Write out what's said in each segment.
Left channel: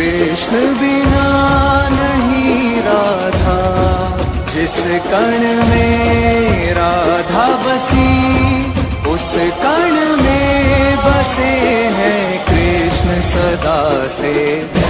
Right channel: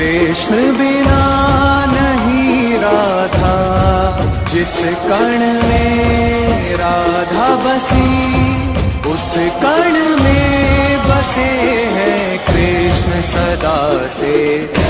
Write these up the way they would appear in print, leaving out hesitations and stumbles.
कृष्ण बिना नहीं राधा, जिस कण में राधा बसी उस कण में बसे हैं कृष्ण सदा से।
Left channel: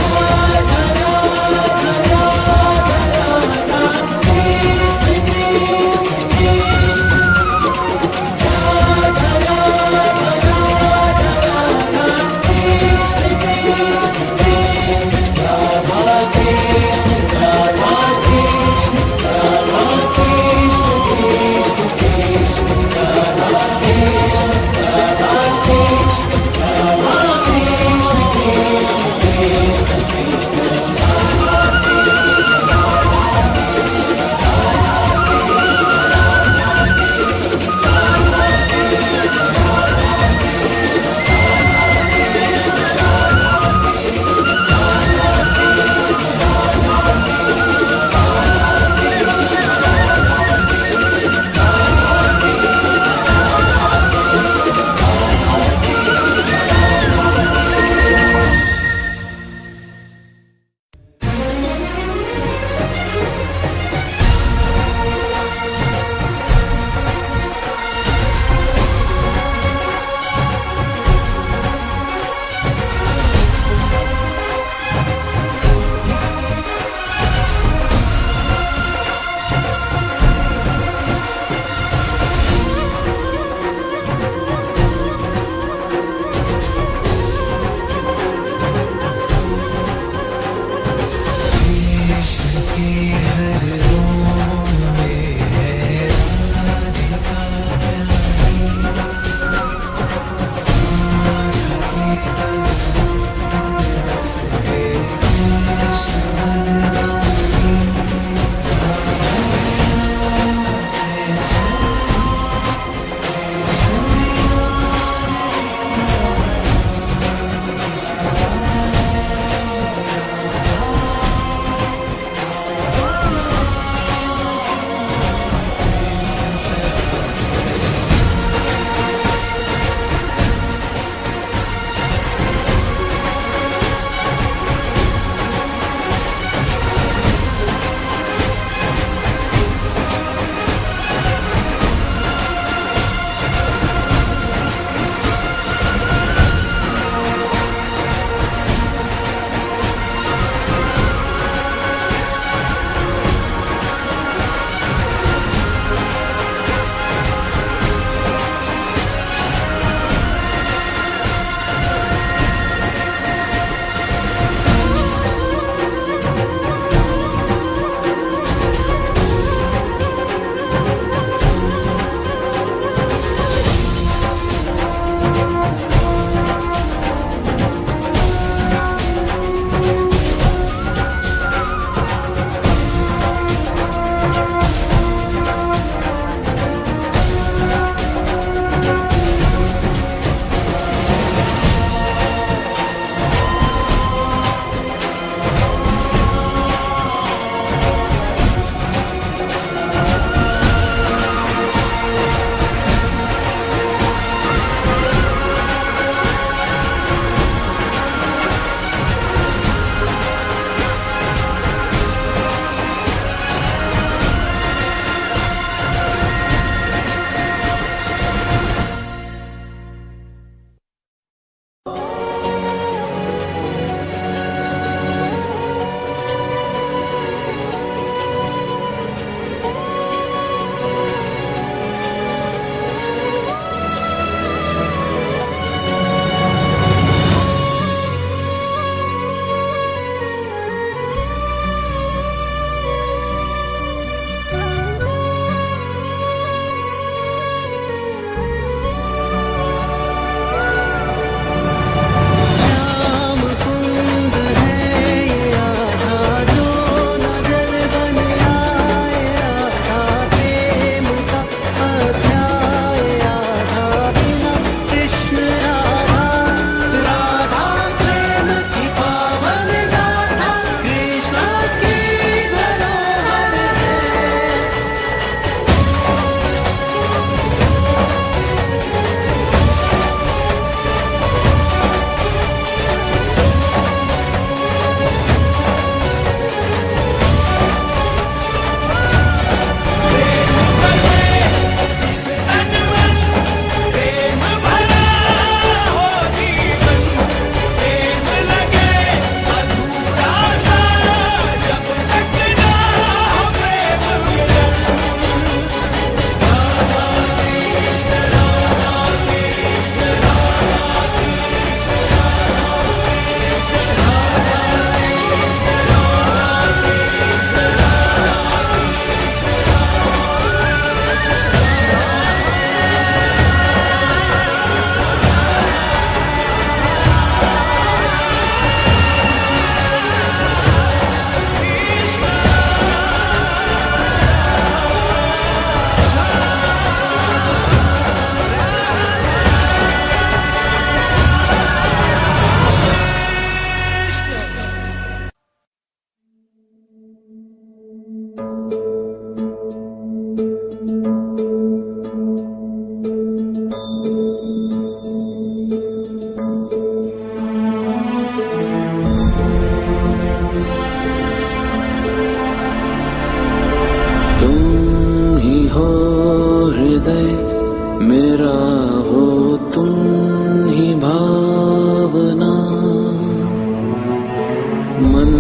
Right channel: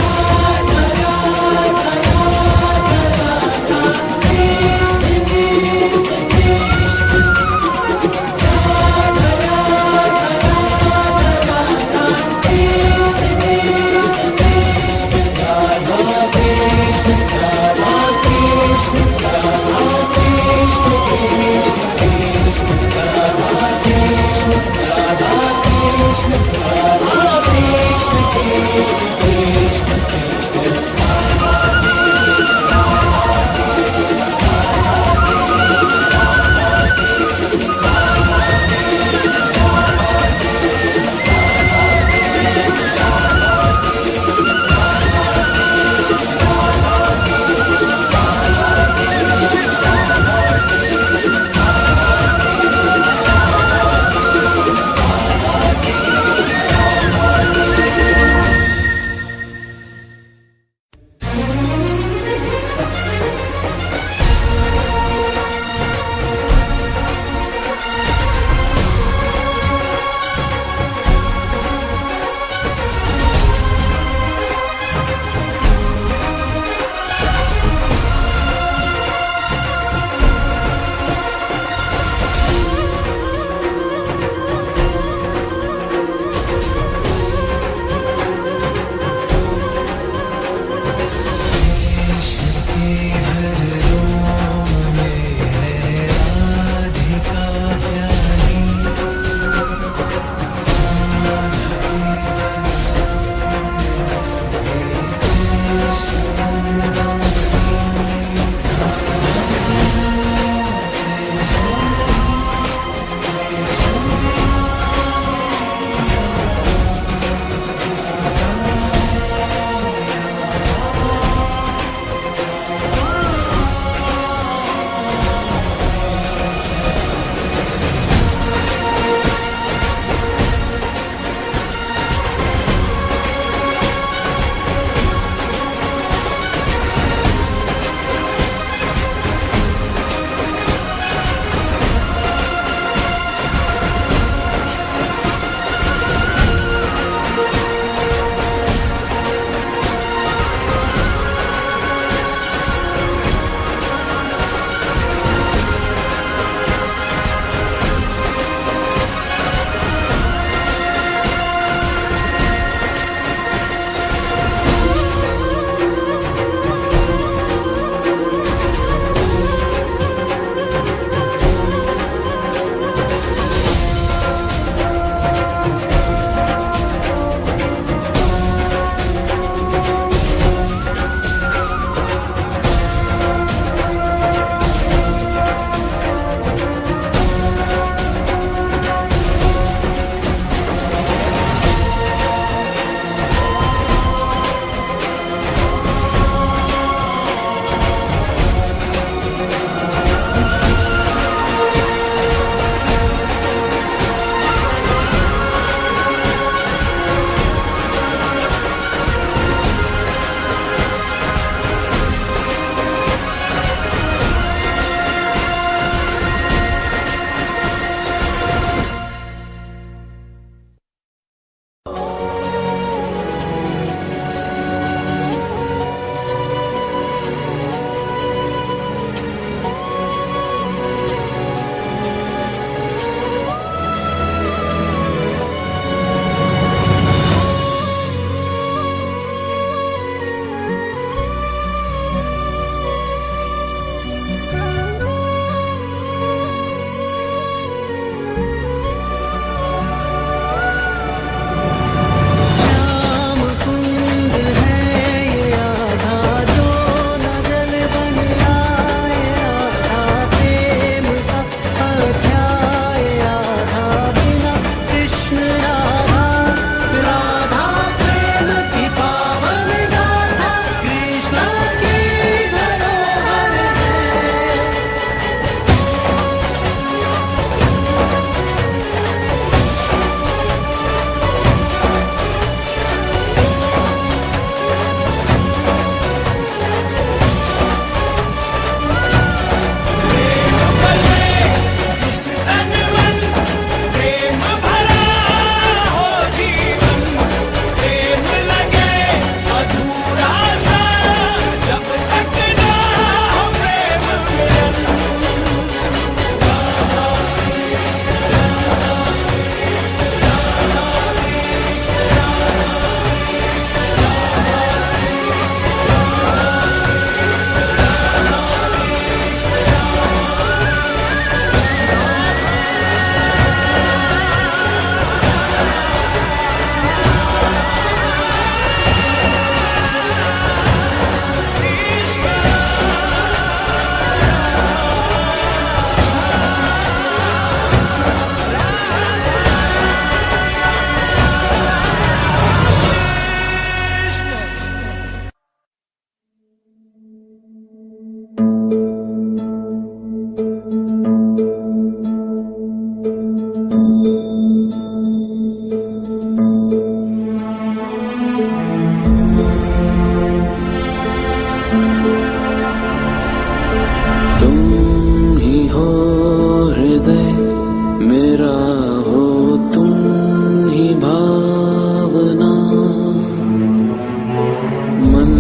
मन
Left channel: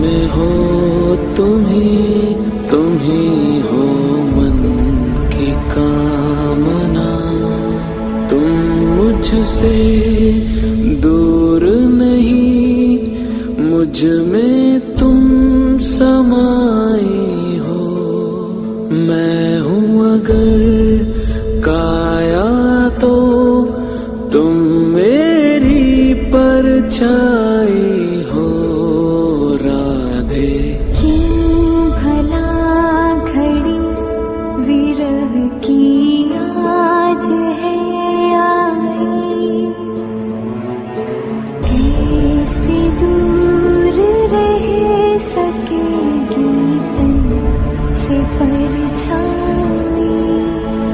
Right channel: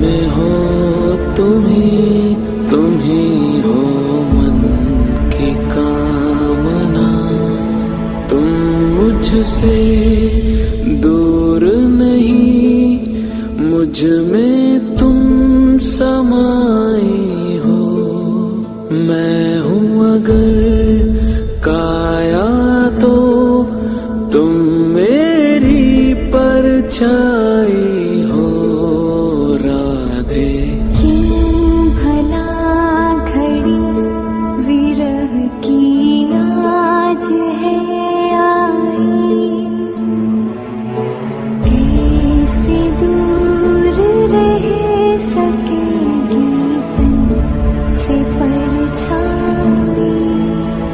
में हो तुम ही हो मन की कामना। तुम मुझसे दूर नहीं, मुझ में तुम समाई हो। मैं हूँ अगर काया तो तुम मेरी परछाई हो राधे। क्यों भला घड़ी विरह की आज है आई, कैसे दूर रह सकेगी तन से परछाई।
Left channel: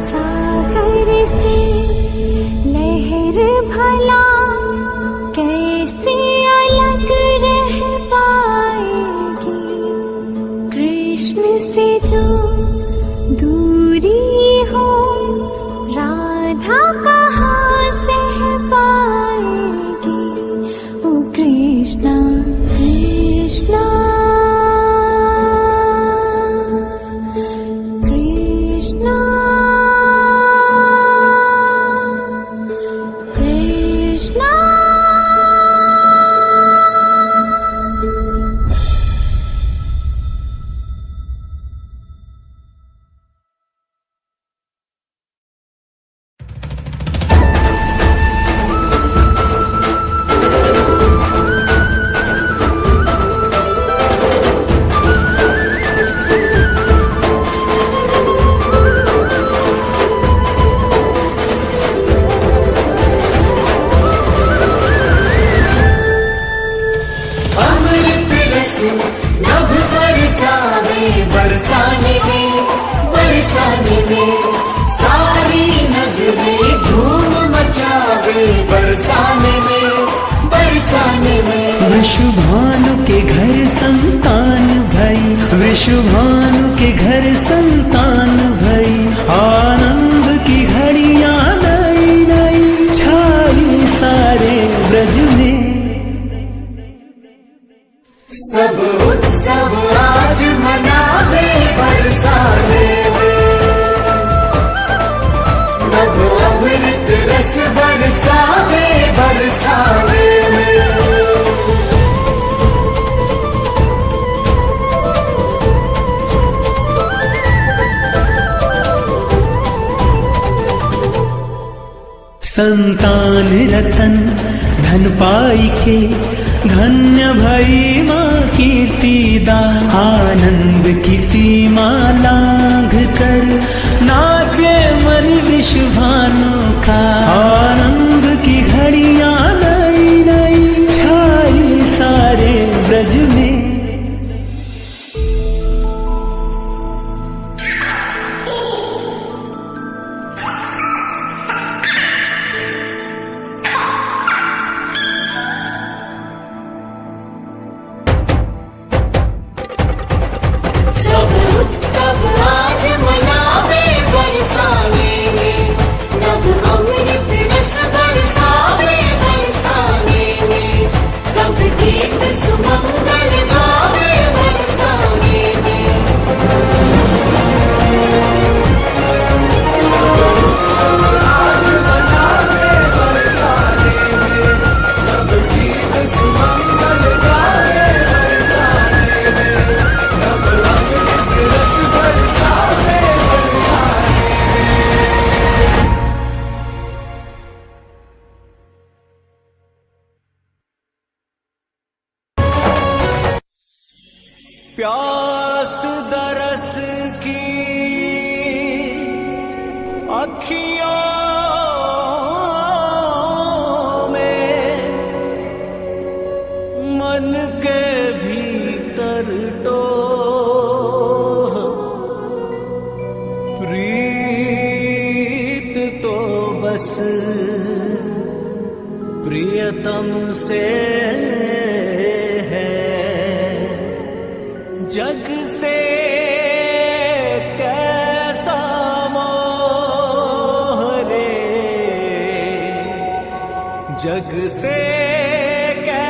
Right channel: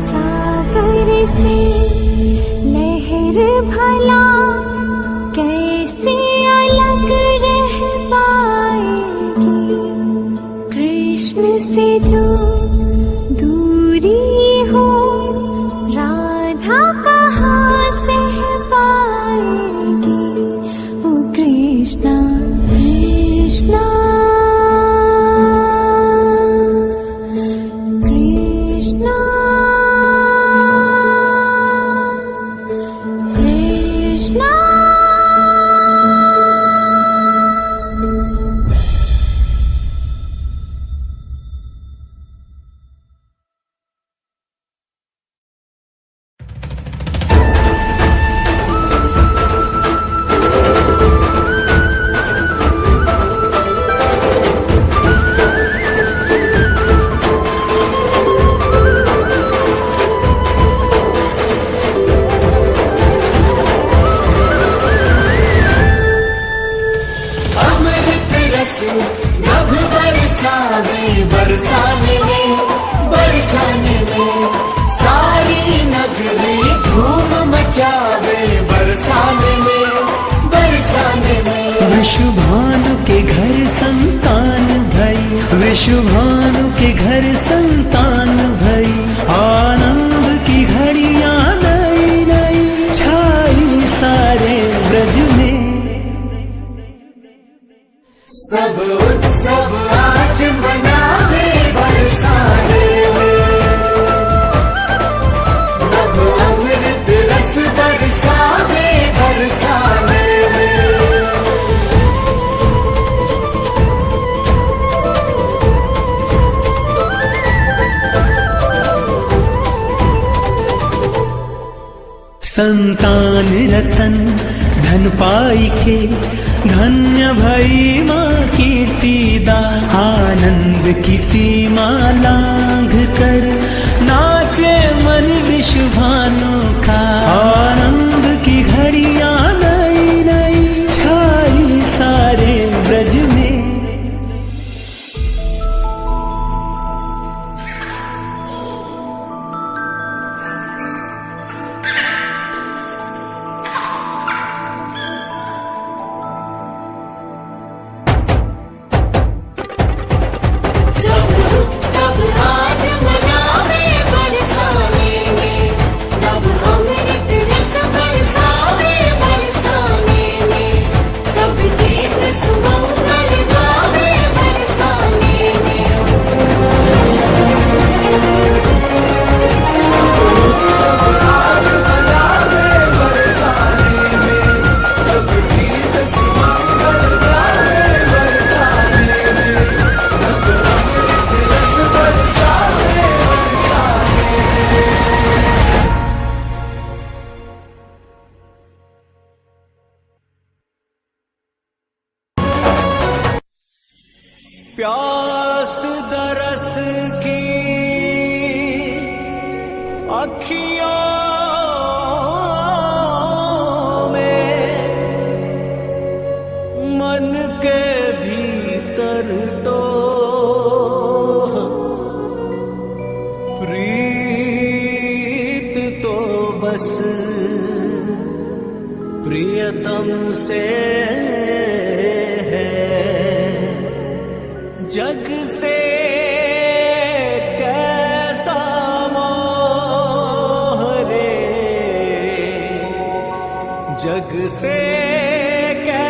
सागर से लहर भला कैसे अलग रह पाएगी, कृष्ण से जो दूरी हो राधा कहाँ सह पाएगी। ओ कृष्णा कृष्णा कृष्णा कृष्णा। वृषभानु के घर संतान भई, वृषभानु के घर संतान भई। आनंद की घड़ियां नई नई छाई सारे ब्रज में। सब उत्सव आज मनावे बरसाने में, अब अमृत रस बरसावे बरसाने में। संतान रतन धन पाई के, धन्य भई माँ कीर्तिदा। आनंद की सीमा लांघ कर नाचे मन वृषभानु का। आनंद की घड़ियां नई नई छाई सारे ब्रज में। प्यास दरस की अखियों में, मन के भीतर टोह। प्रीत तो बस प्रियतम से है, जग से कैसा मोह रे, जग से कैसा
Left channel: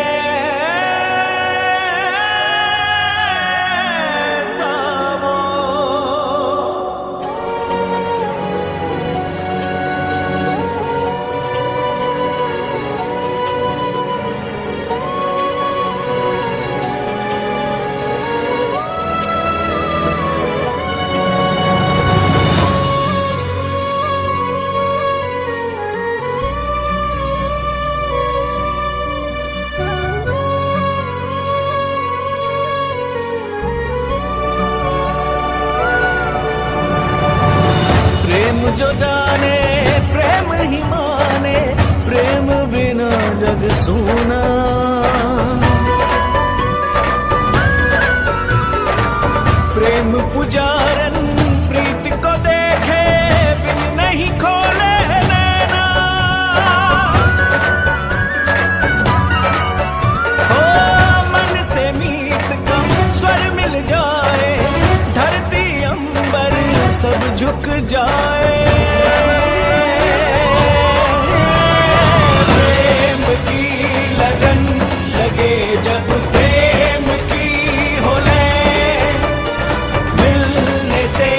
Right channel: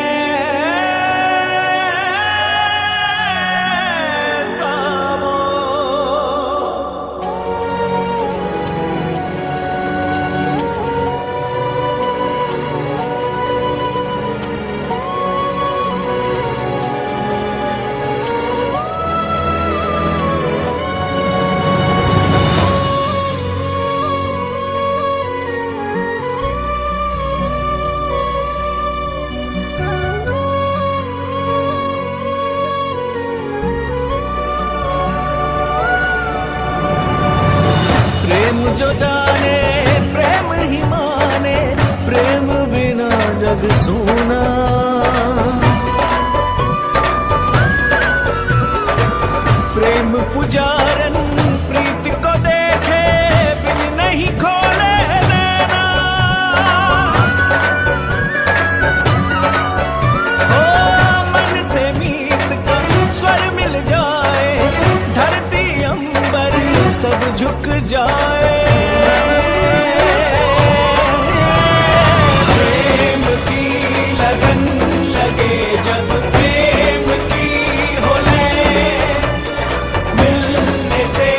नहीं माने, प्रेम बिना जग सूना। प्रेम पुजारन प्रीत को देखे बिन नहीं खोले नैना। हो मन से मीत का स्वर मिल जाए, धरती अंबर सब झुक जाए। प्रेम की लगन लगे जब प्रेम की हो से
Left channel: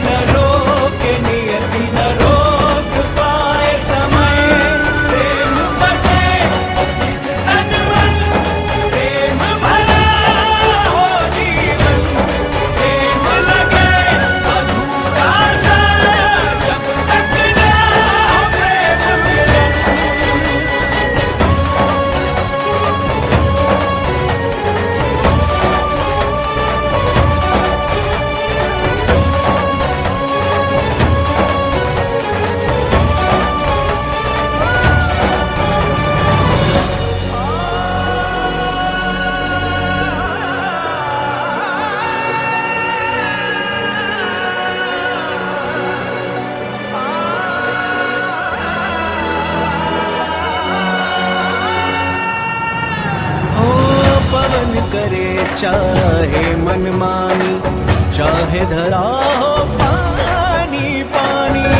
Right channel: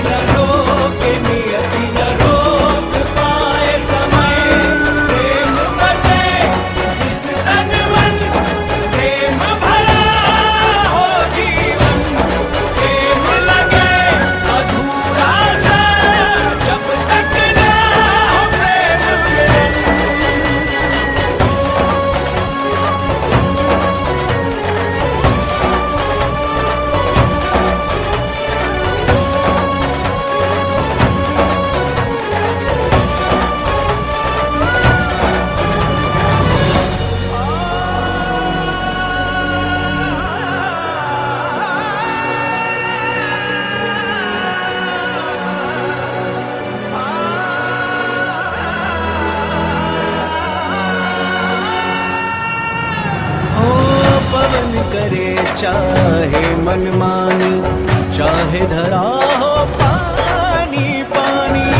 न रोके नियति न रोक पाए समय। प्रेम बसे जिस तन मन, प्रेम भरा हो जीवन। प्रेम लगे अधूरा सा जब तक न हो प्रेम मिलन। पवन करे चाहे मनमानी, चाहे धरा हो पानी पानी।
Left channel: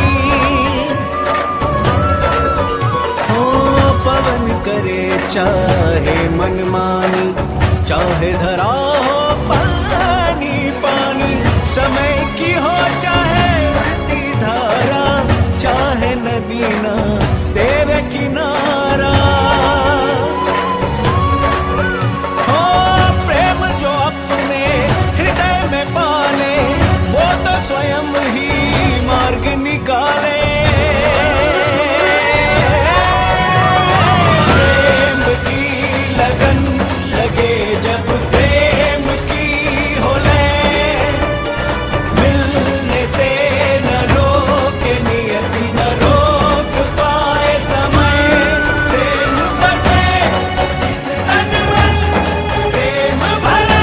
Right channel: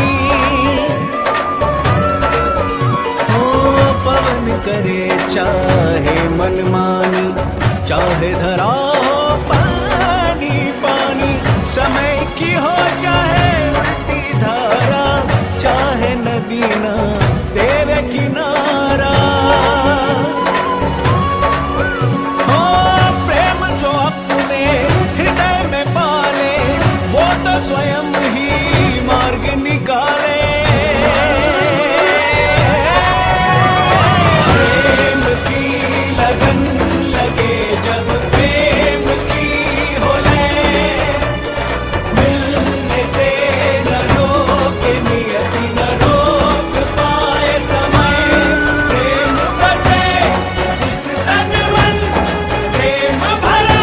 हो पवन करे चाहे मनमानी, चाहे धरा हो पानी पानी। समय की हो चाहे उल्टी धारा, चाहे नदी ना तेरे किनारा। हृदय में पाले वो तो स्वयं ही मार्ग निकाले। प्रेम की लगन लगे जब प्रेम की हो मिलने से न रोके नियति न रोक पाए समय। प्रेम बसे जिस तन मन, प्रेम भरा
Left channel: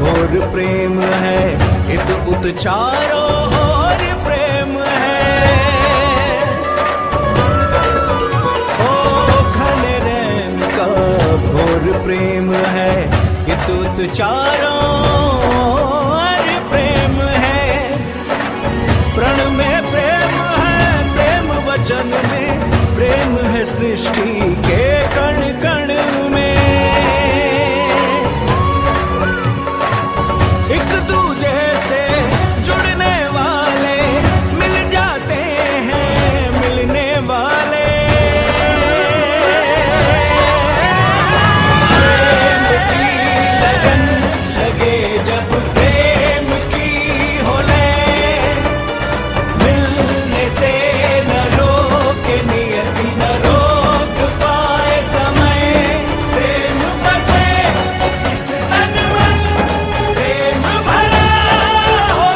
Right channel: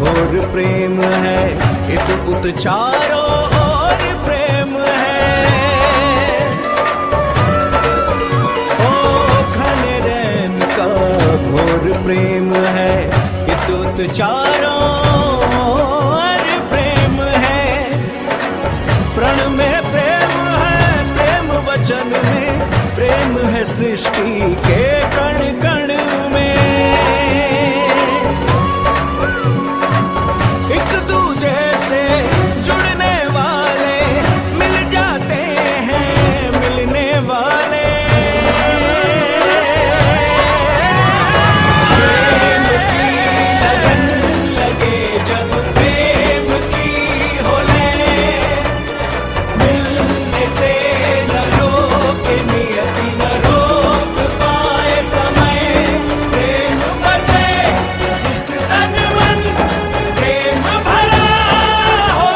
घोर प्रेम है, इत उत चारों ओर प्रेम है। ओ घने रैन का घोर प्रेम है, इत उत चारों ओर प्रेम है। प्रण में प्रेम है, प्रेम वचन में प्रेम है, सृष्टि के कण कण में। एक दूजे से जुड़ने वाले मिल जाते हैं मिलने वाले। प्रेम की लगन लगे जब प्रेम की हो मिलने से न रोके नियति न रोक पाए समय। प्रेम बसे जिस तन मन, प्रेम भरा हो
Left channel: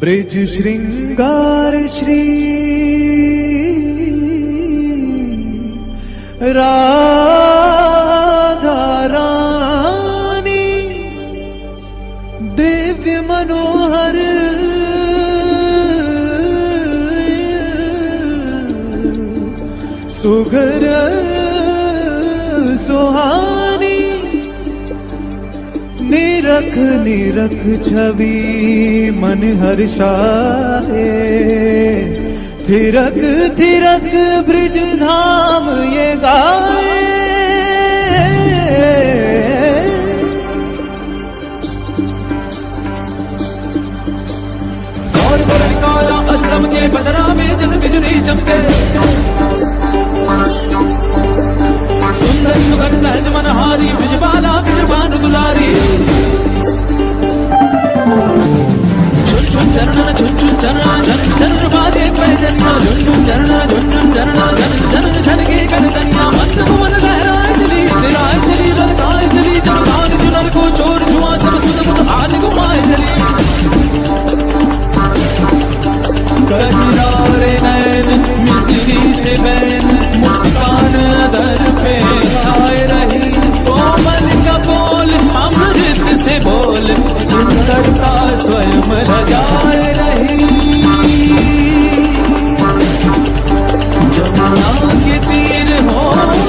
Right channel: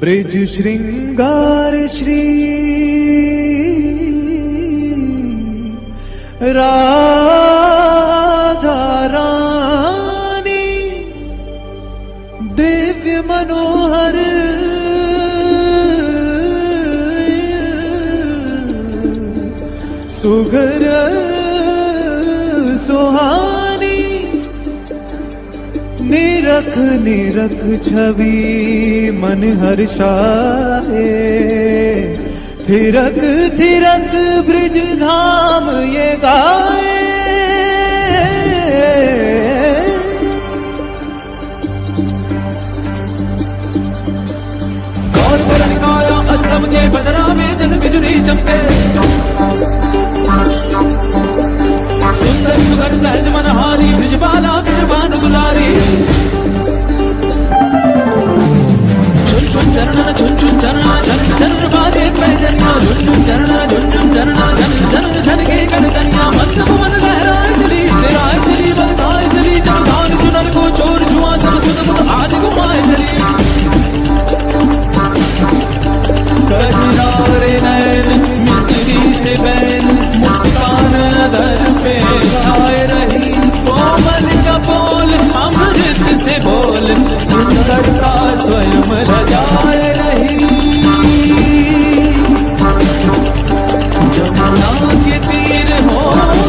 ब्रिज श्रृंगार श्री राधा रानी दिव्य मनोहर सुघर सुहानी निरख निरख छवि मन हर्षाए थिरक थिरक ब्रिज धाम ये गाए गौर वरण काया अष्टम के बदरा में जैसे बिजली चमके सुंदर सुगर सहज मनहारी ब्रिजबाला ब्रिजबानु दुलारी झुन झुन चरणन झुन झुन चरणा झन झन बाजे पैजनिया झुन झुन चरणा झुन झुन चरणा झन झन झन के करदनिया मंद पवन लहराए चली तेराए चली बलकाए चली जब गान चुनर को चोर जुआ सब सुध मुद आज घुमाए चली कजरारे नैन मिसरी से बैन मुस्कान अदर पे छाए रही कोमल का बोल अमृत से बोल सुंदरता स्वयं लजाए रही जमुना के तीर हो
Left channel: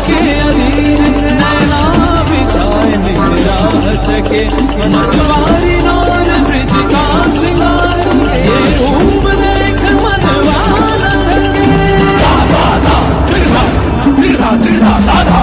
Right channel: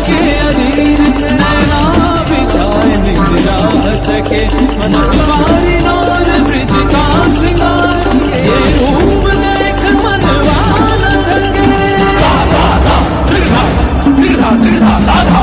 के अधीर नैना बिछाए निराहत के मनवारी नार ब्रिज का सिंगार ये रूप देख मनवाना थके दृढ़ा दृढ़ा दाधा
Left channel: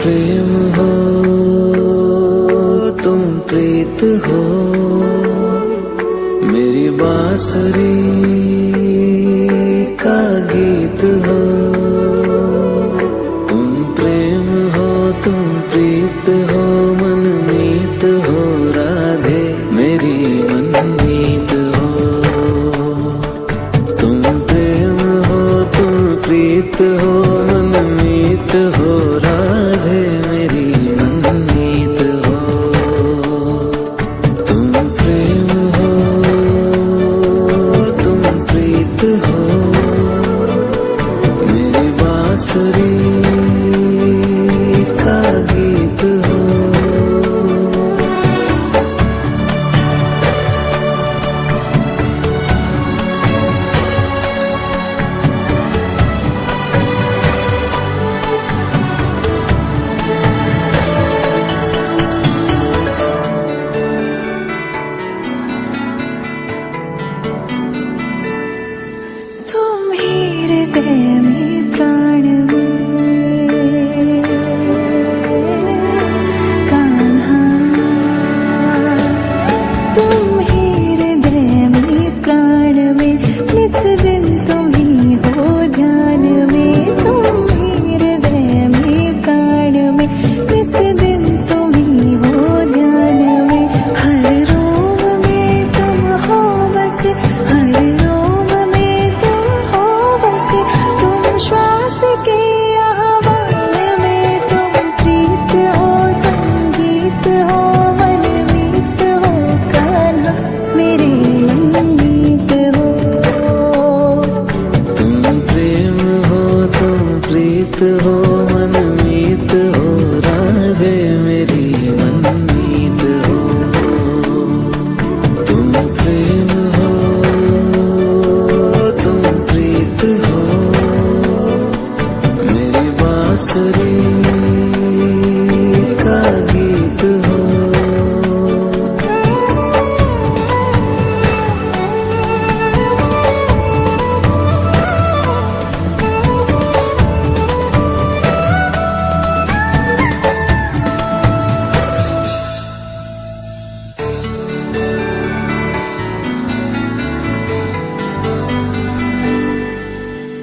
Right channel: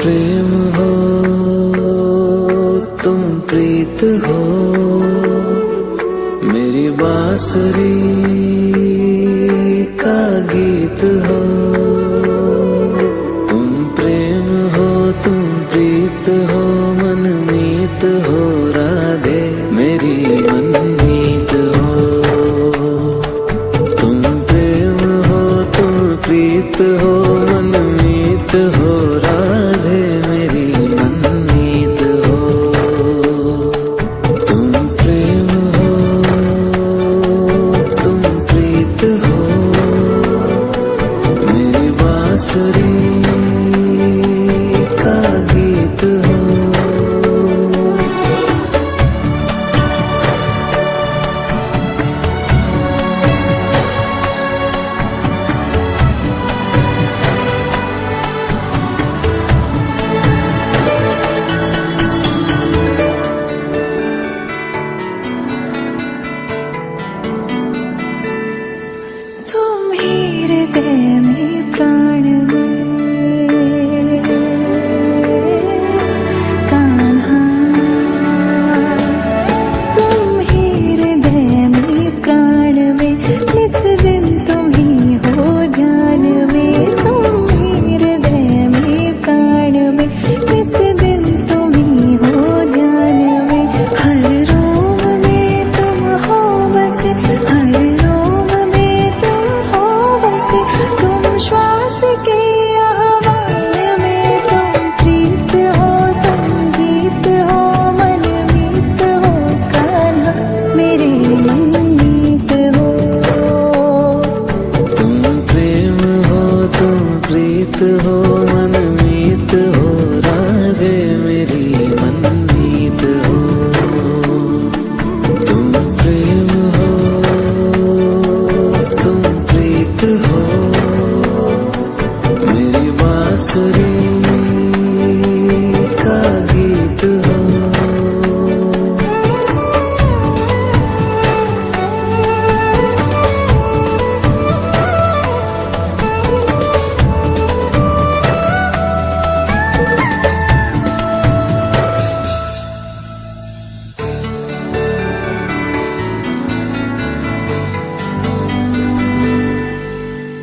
प्रेम हो, तुम प्रीत हो, मेरी बांसुरी का गीत हो। तुम प्रेम हो, तुम प्रीत हो, मनमीत हो, राधे मेरी मनमीत हो। तुम प्रेम हो, तुम प्रीत हो, मनमीत हो, राधे मेरी मनमीत हो। तुम प्रेम हो, तुम प्रीत हो, मेरी बांसुरी का गीत हो। तुम ही हृदय में प्राण में कान्हा, तुम ही हृदय में प्राण में, निस दिन तुम ही हो ध्यान में। तुम ही हृदय में प्राण में, निस दिन तुम ही हो ध्यान में। हर रोम में तुम हो बसे, हर रोम में तुम हो बसे। तुम श्वास के आह्वान में, तुम प्रीत हो, तुम गीत हो, मनमीत हो, कान्हा मेरे मनमीत हो। तुम प्रेम हो, तुम प्रीत हो, मनमीत हो, राधे मेरी मनमीत हो। तुम प्रेम हो, तुम प्रीत हो, मेरी बांसुरी का गीत हो।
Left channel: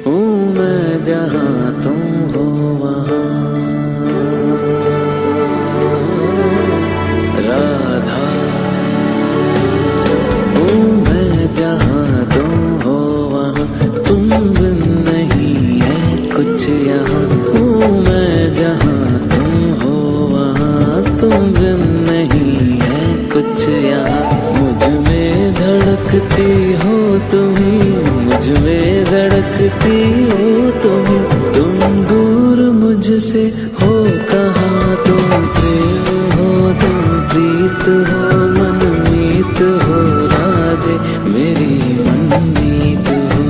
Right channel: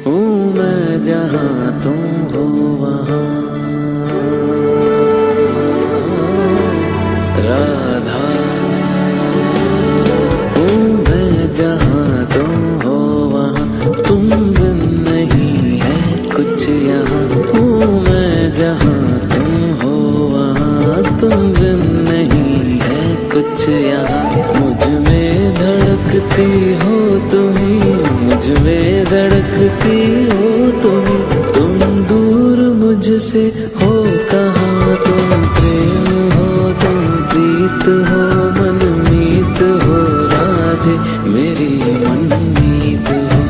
हूँ मैं जहाँ तुम हो वहाँ, राधा। हूँ मैं जहाँ तुम हो वहाँ, तुम बिन नहीं है कुछ यहाँ। हूँ मैं जहाँ तुम हो वहाँ, तुम बिन नहीं है कुछ यहाँ। मुझ में धड़कती हो तुम्ही, मुझ में धड़कती हो तुम्ही। तुम दूर मुझसे हो कहाँ, तुम प्रेम हो, तुम प्रीत हो, मनमीत हो, राधे मेरी मनमीत हो।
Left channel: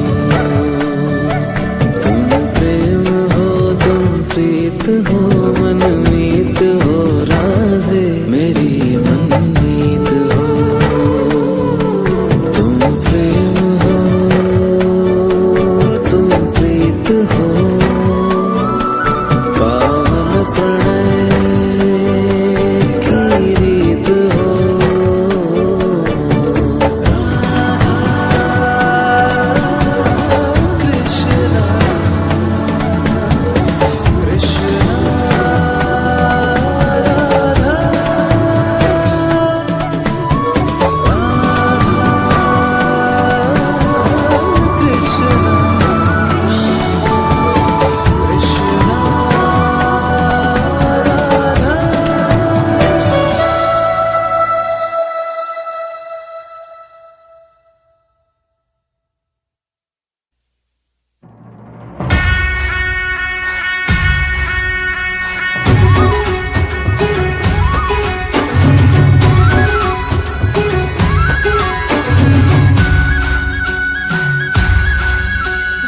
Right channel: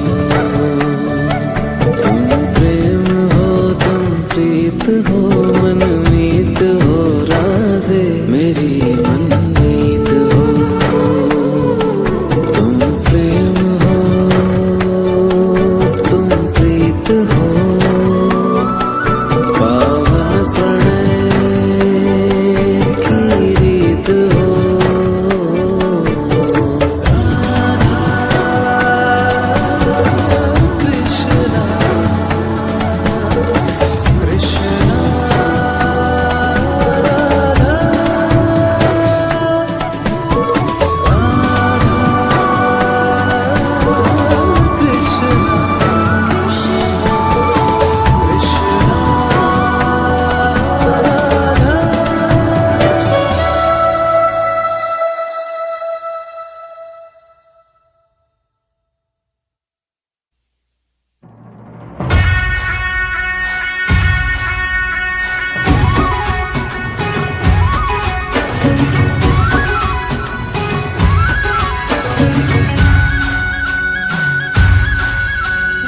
तुम प्रेम हो, तुम प्रीत हो, मनमीत हो, राधे मेरी मनमीत हो। तुम प्रेम हो, तुम प्रीत हो, पावन प्रणय की रीत हो।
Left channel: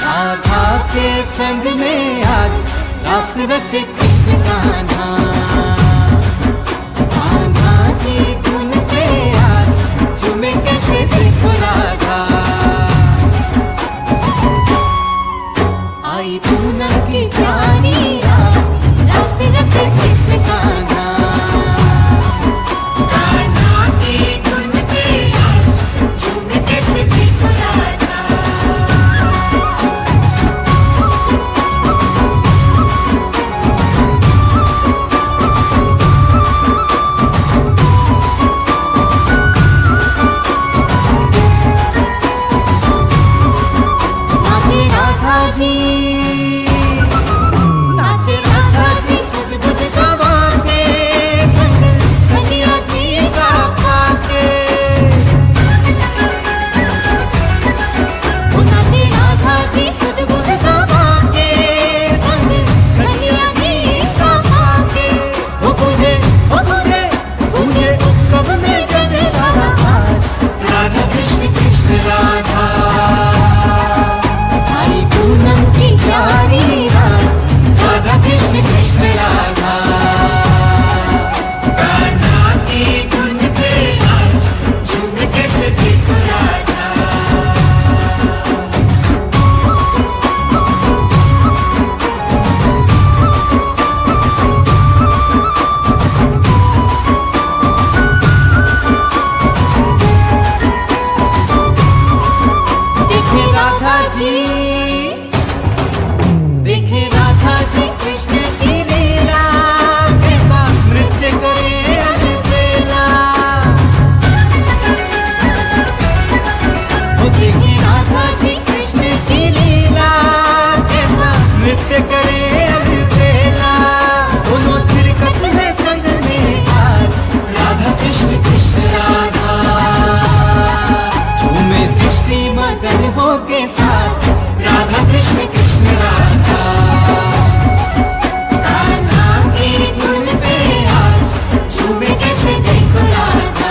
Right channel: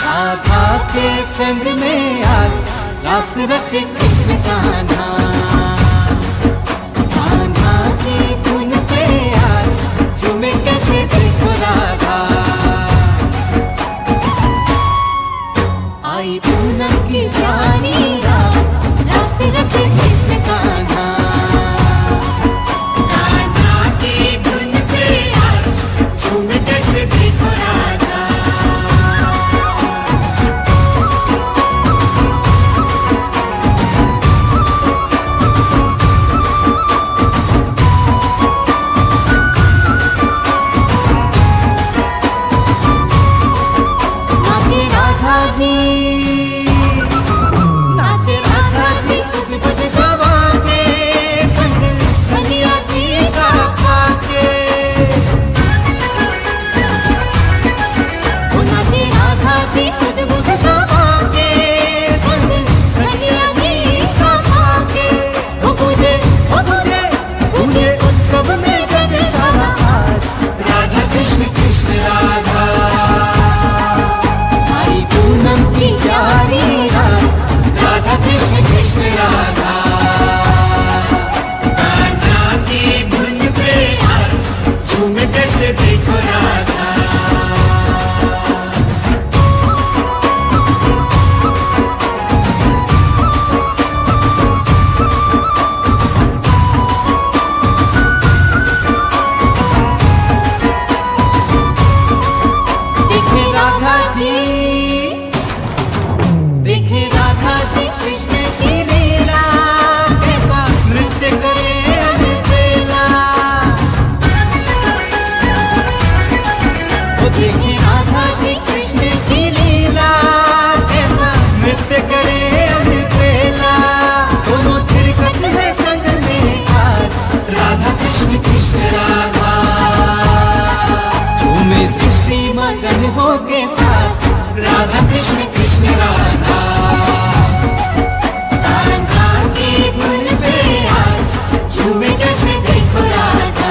राधा के संग में आज रास रचे कृष्ण कान्हा। कान्हा की धुन पे आज झूमे कैसे देखो राधा। आई पूनम की प्यारी रात रास रचे कृष्ण जी, नाचे राधा जी सुध बुध गवा के संग कन्हैया जी का पाके। वो नाचे राधा जी सुध बुध गवा के संग कन्हैया जी का पाके। वो पूजे पूजे उत्सव में जग सारा आज राधा कृष्ण कृष्ण राधा। आई पूनम की प्यारी रात राधा कृष्ण कृष्ण राधा। राधा की धुन पे आज झूमते से देखो राधा। देखे राधा जी कृष्ण की लीला कैसा नृत्य करे अलबेला। वो देखे राधा जी कृष्ण की लीला कैसा नृत्य करे अलबेला। दोनों थिरकत है संग में आज राधा कृष्ण कृष्ण राधा। झूमे सृष्टि मगन हो के साथ राधा कृष्ण कृष्ण राधा। राधा की धुन पे आज झूमे कैसे देखो राधा।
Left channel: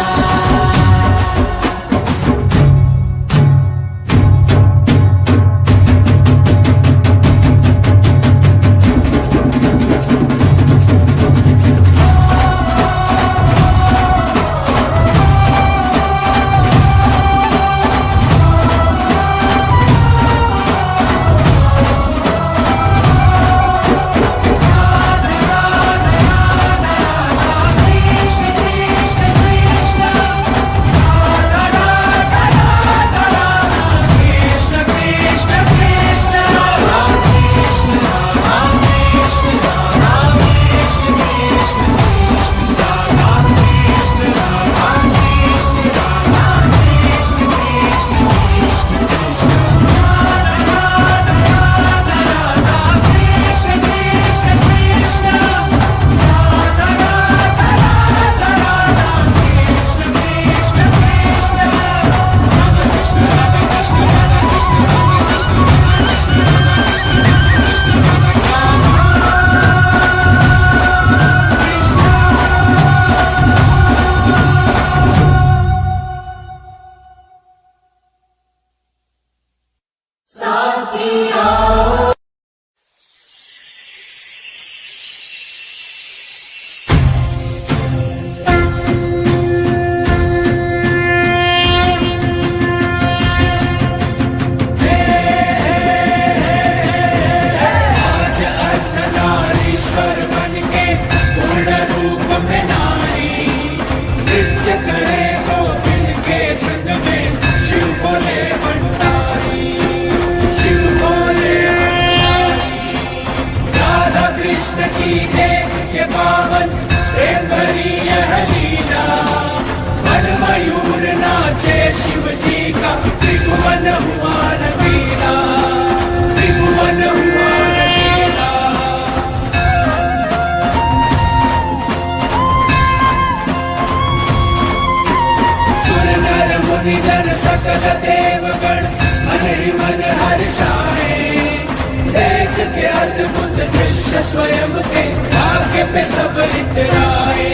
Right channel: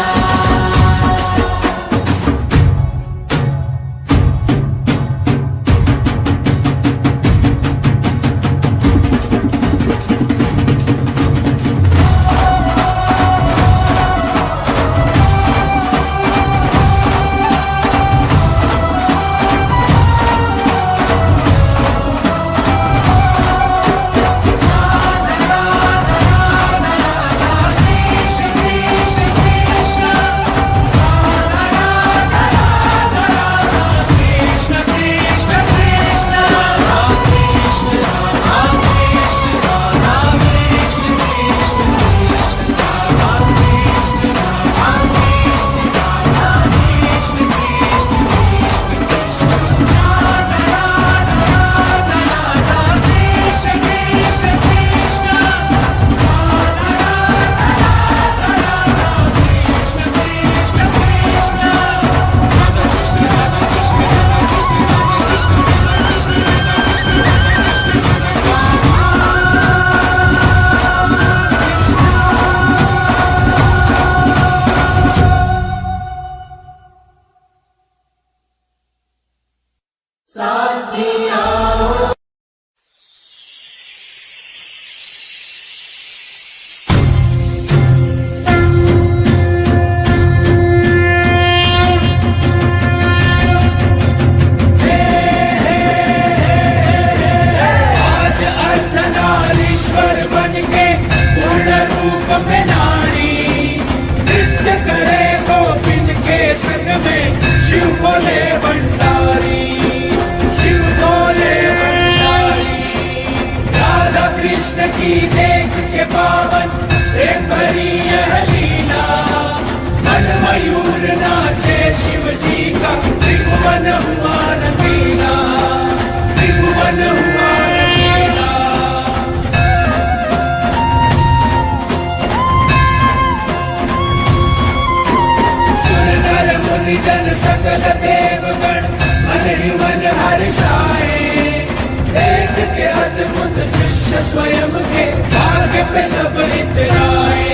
जन सकल देवगण मन ही मन हर्षाए। देख के अद्भुत दृश्य स्वयं के भाग्य पे सब इतराए।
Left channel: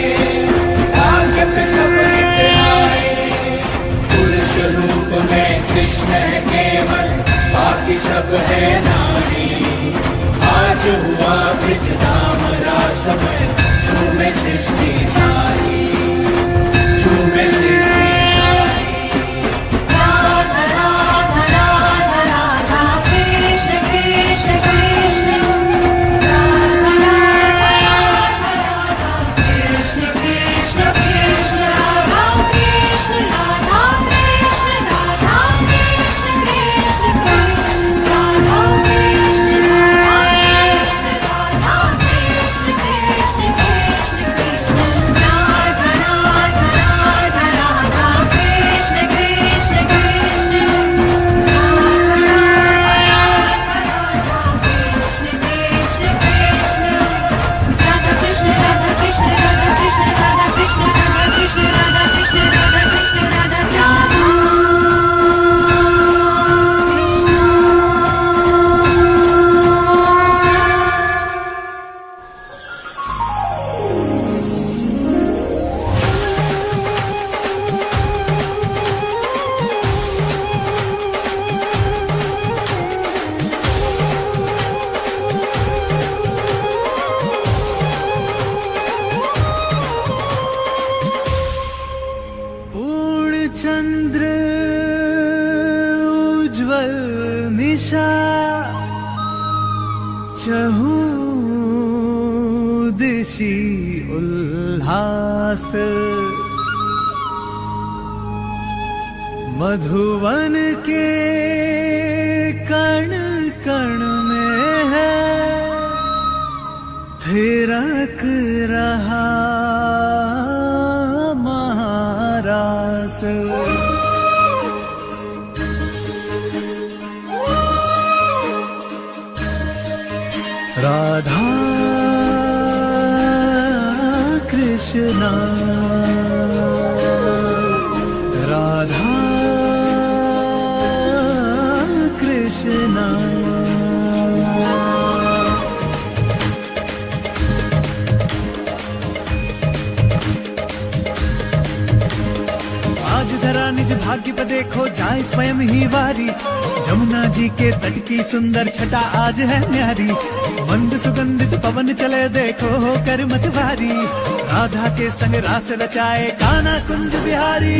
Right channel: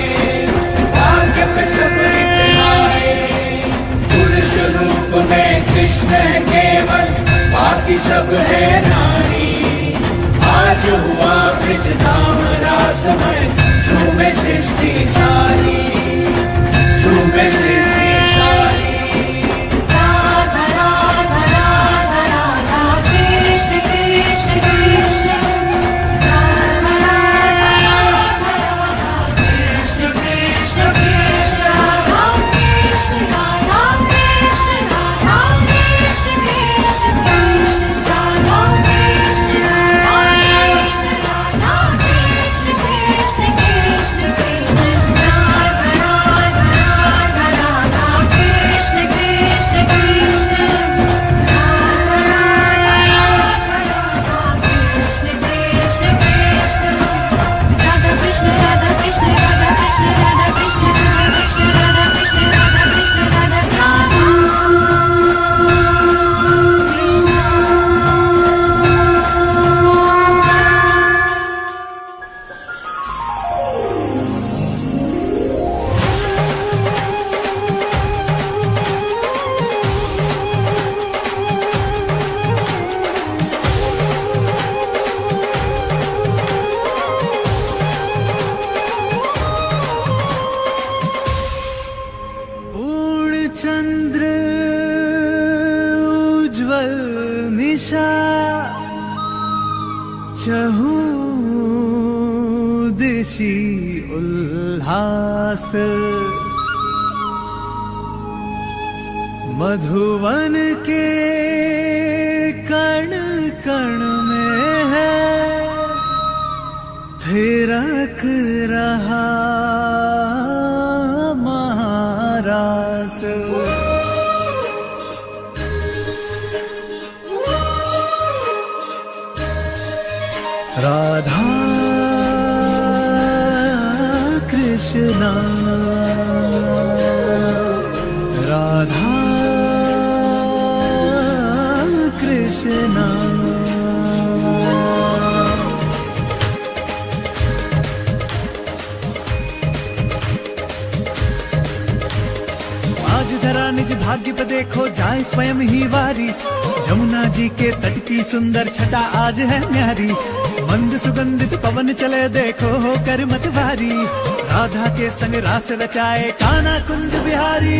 भाग्य पे सब इतराए। पुरुष रूप में कृष्ण है केवल बाकी सब है नारी। आज हुआ ब्रज धाम रासमय झूमे सृष्टि सारी। झूमे सृष्टि सारी। राधा चहूं दिशी उल्लास मधुवन के कण कण में है थिरक रहा महारास राधा कृष्णा राधा कृष्णा आज धरा निज भाग्य पे देखो जाए स्वयं ही वारी जमुना जी के तट की सुंदर छटा आज है न्यारी मंद सुगंधित पवन चले देखो होकर मतवारी राधा के संग रास रचाए कान्हा कुंज बिहारी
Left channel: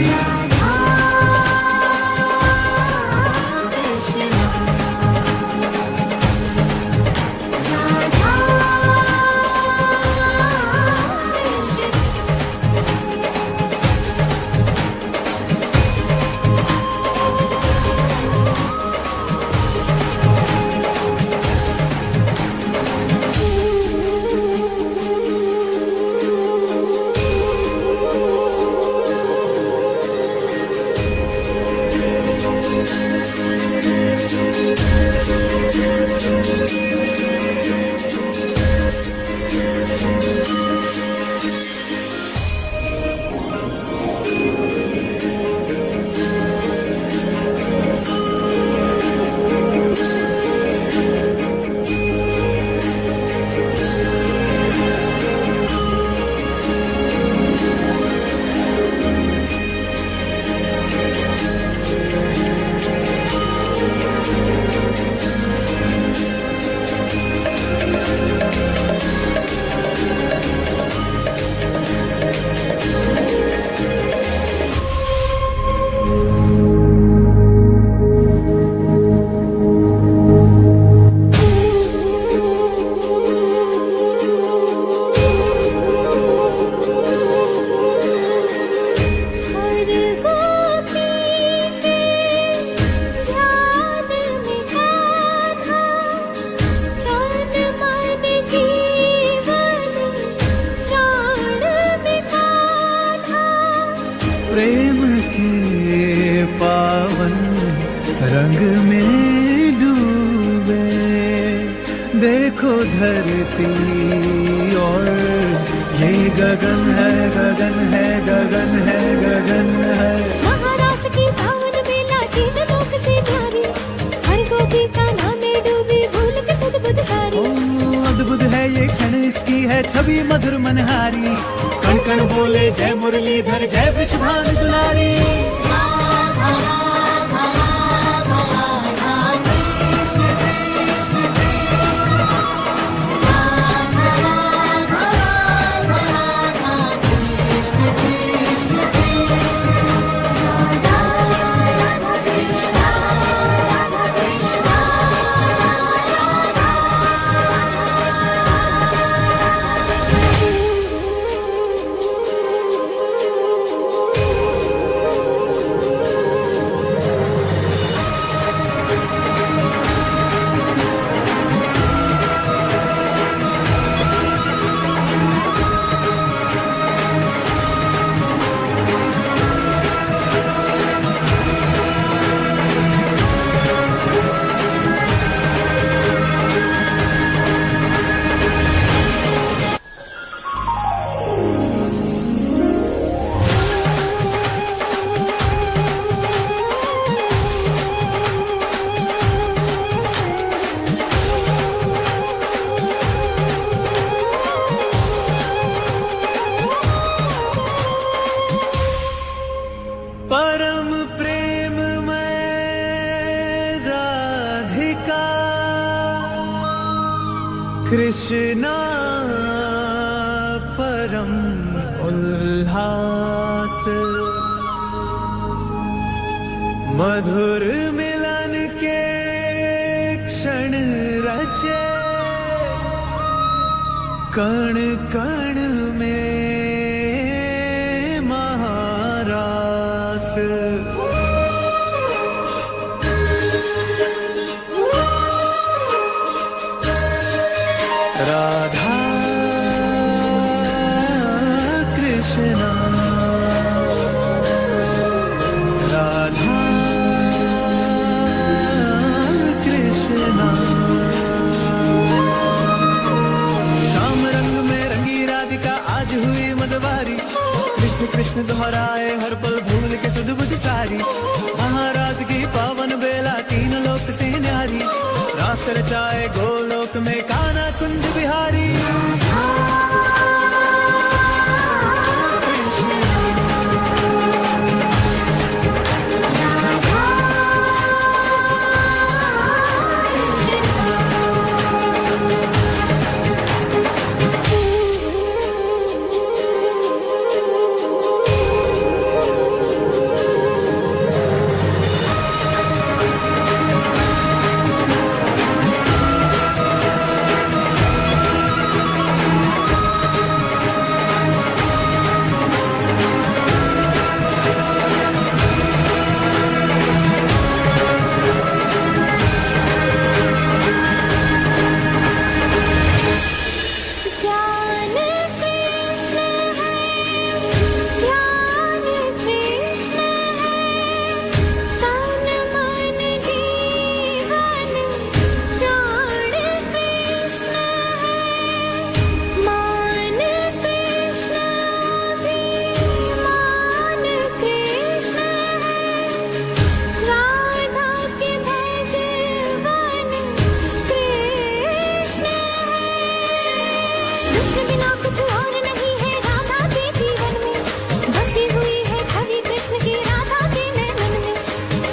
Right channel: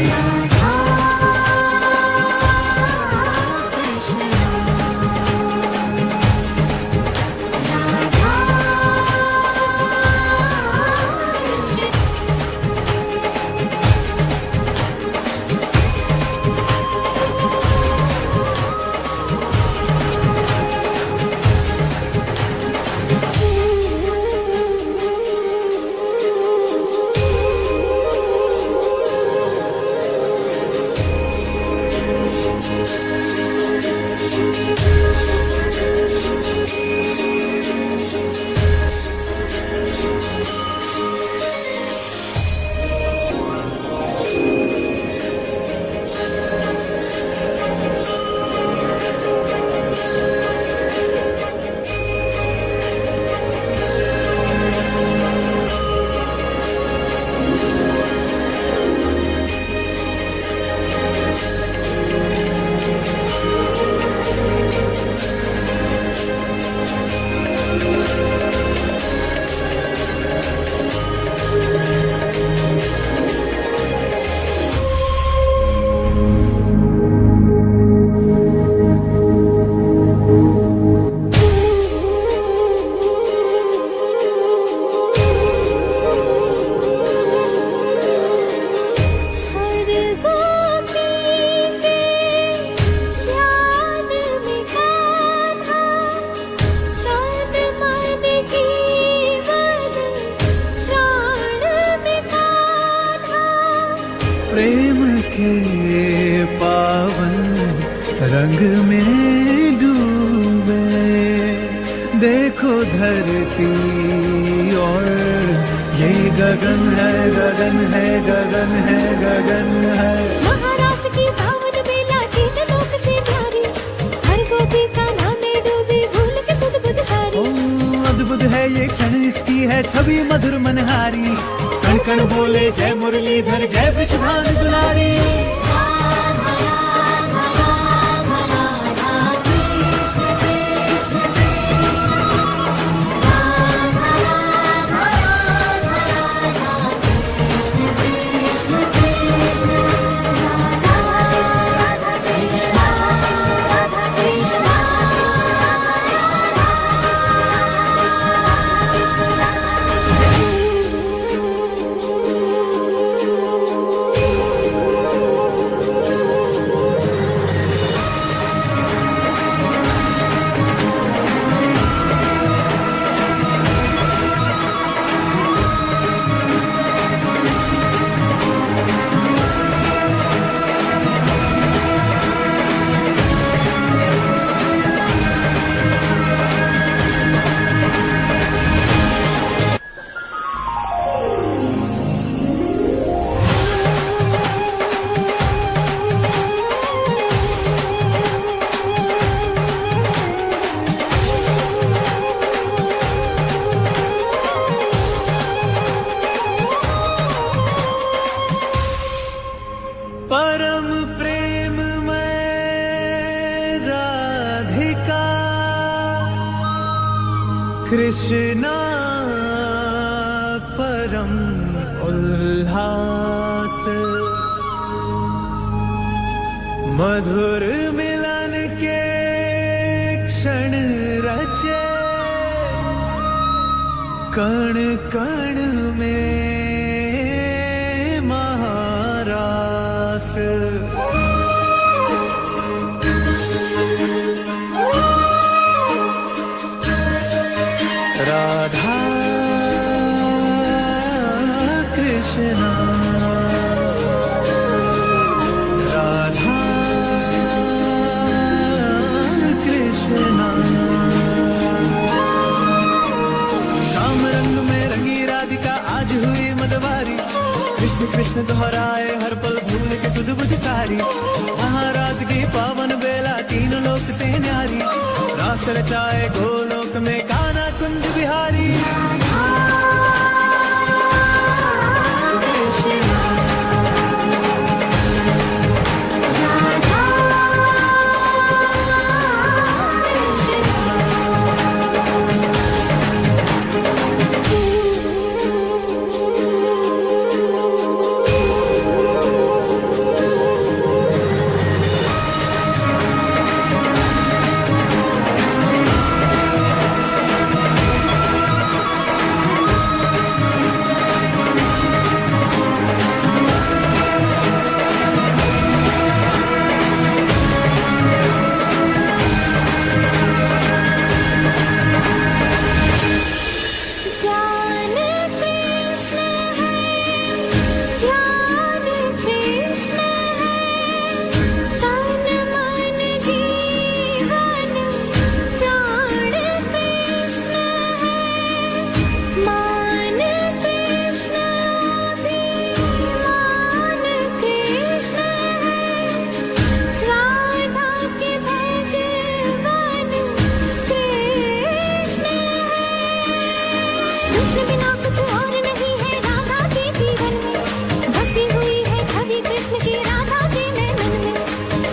प्रेम के पावन रंग में डूबे देखो धरती और ये गगन है गगन है गगन है गगन है महारास की पावन मेला तीन लोक से न्यारी हर गोपी का नाम में डूबी भूल के सुध बुध सारी ओ अद्भुत है ये क्षण इसकी है छवि मधुर मनहारी कण कण बोले जय मुरलीधर जय वृषभान दुलारी परम प्रेम में राधिका कृष्णा परम उल्लास मधुर मिलन के क्षण रचे कण कण में महारास, राधा कृष्णा राधा कृष्णा। श्याम रंग में रंगी राधिका आज हुई मदवारी, कृष्ण कृष्ण दोहराए हर पल भूल के सुध बुध सारी। महाराज की पावन बेला तीनों लोक से न्यारी, रास रचाए गोलोक में कान्हा कुंज बिहारी।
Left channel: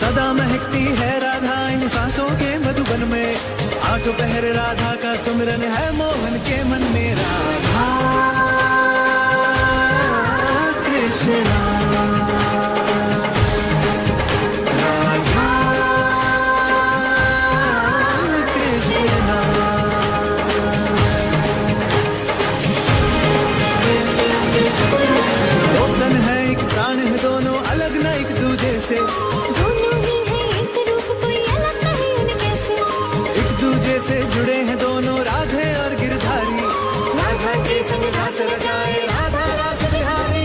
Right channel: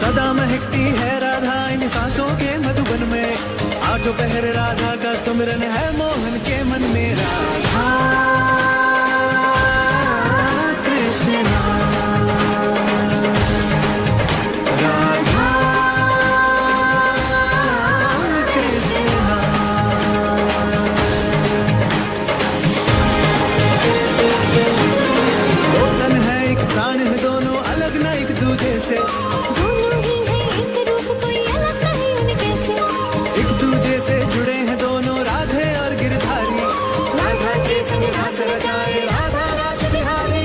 सदा महकती है राधा इन सांसों के मधुबन में, आठों पहर राधा का सुमिरन है मोहन के मन में। राधा कृष्णा राधा कृष्णा। दो तन है एक प्राण है दोनों अलग न एक दूजे से, दोनों ही है एक रूप कोई अलग नहीं उनके से। एक दूजे से जुड़े हैं दोनों राधे और गिरधारी, राधा के संग रास रचाए राधा रास बिहारी।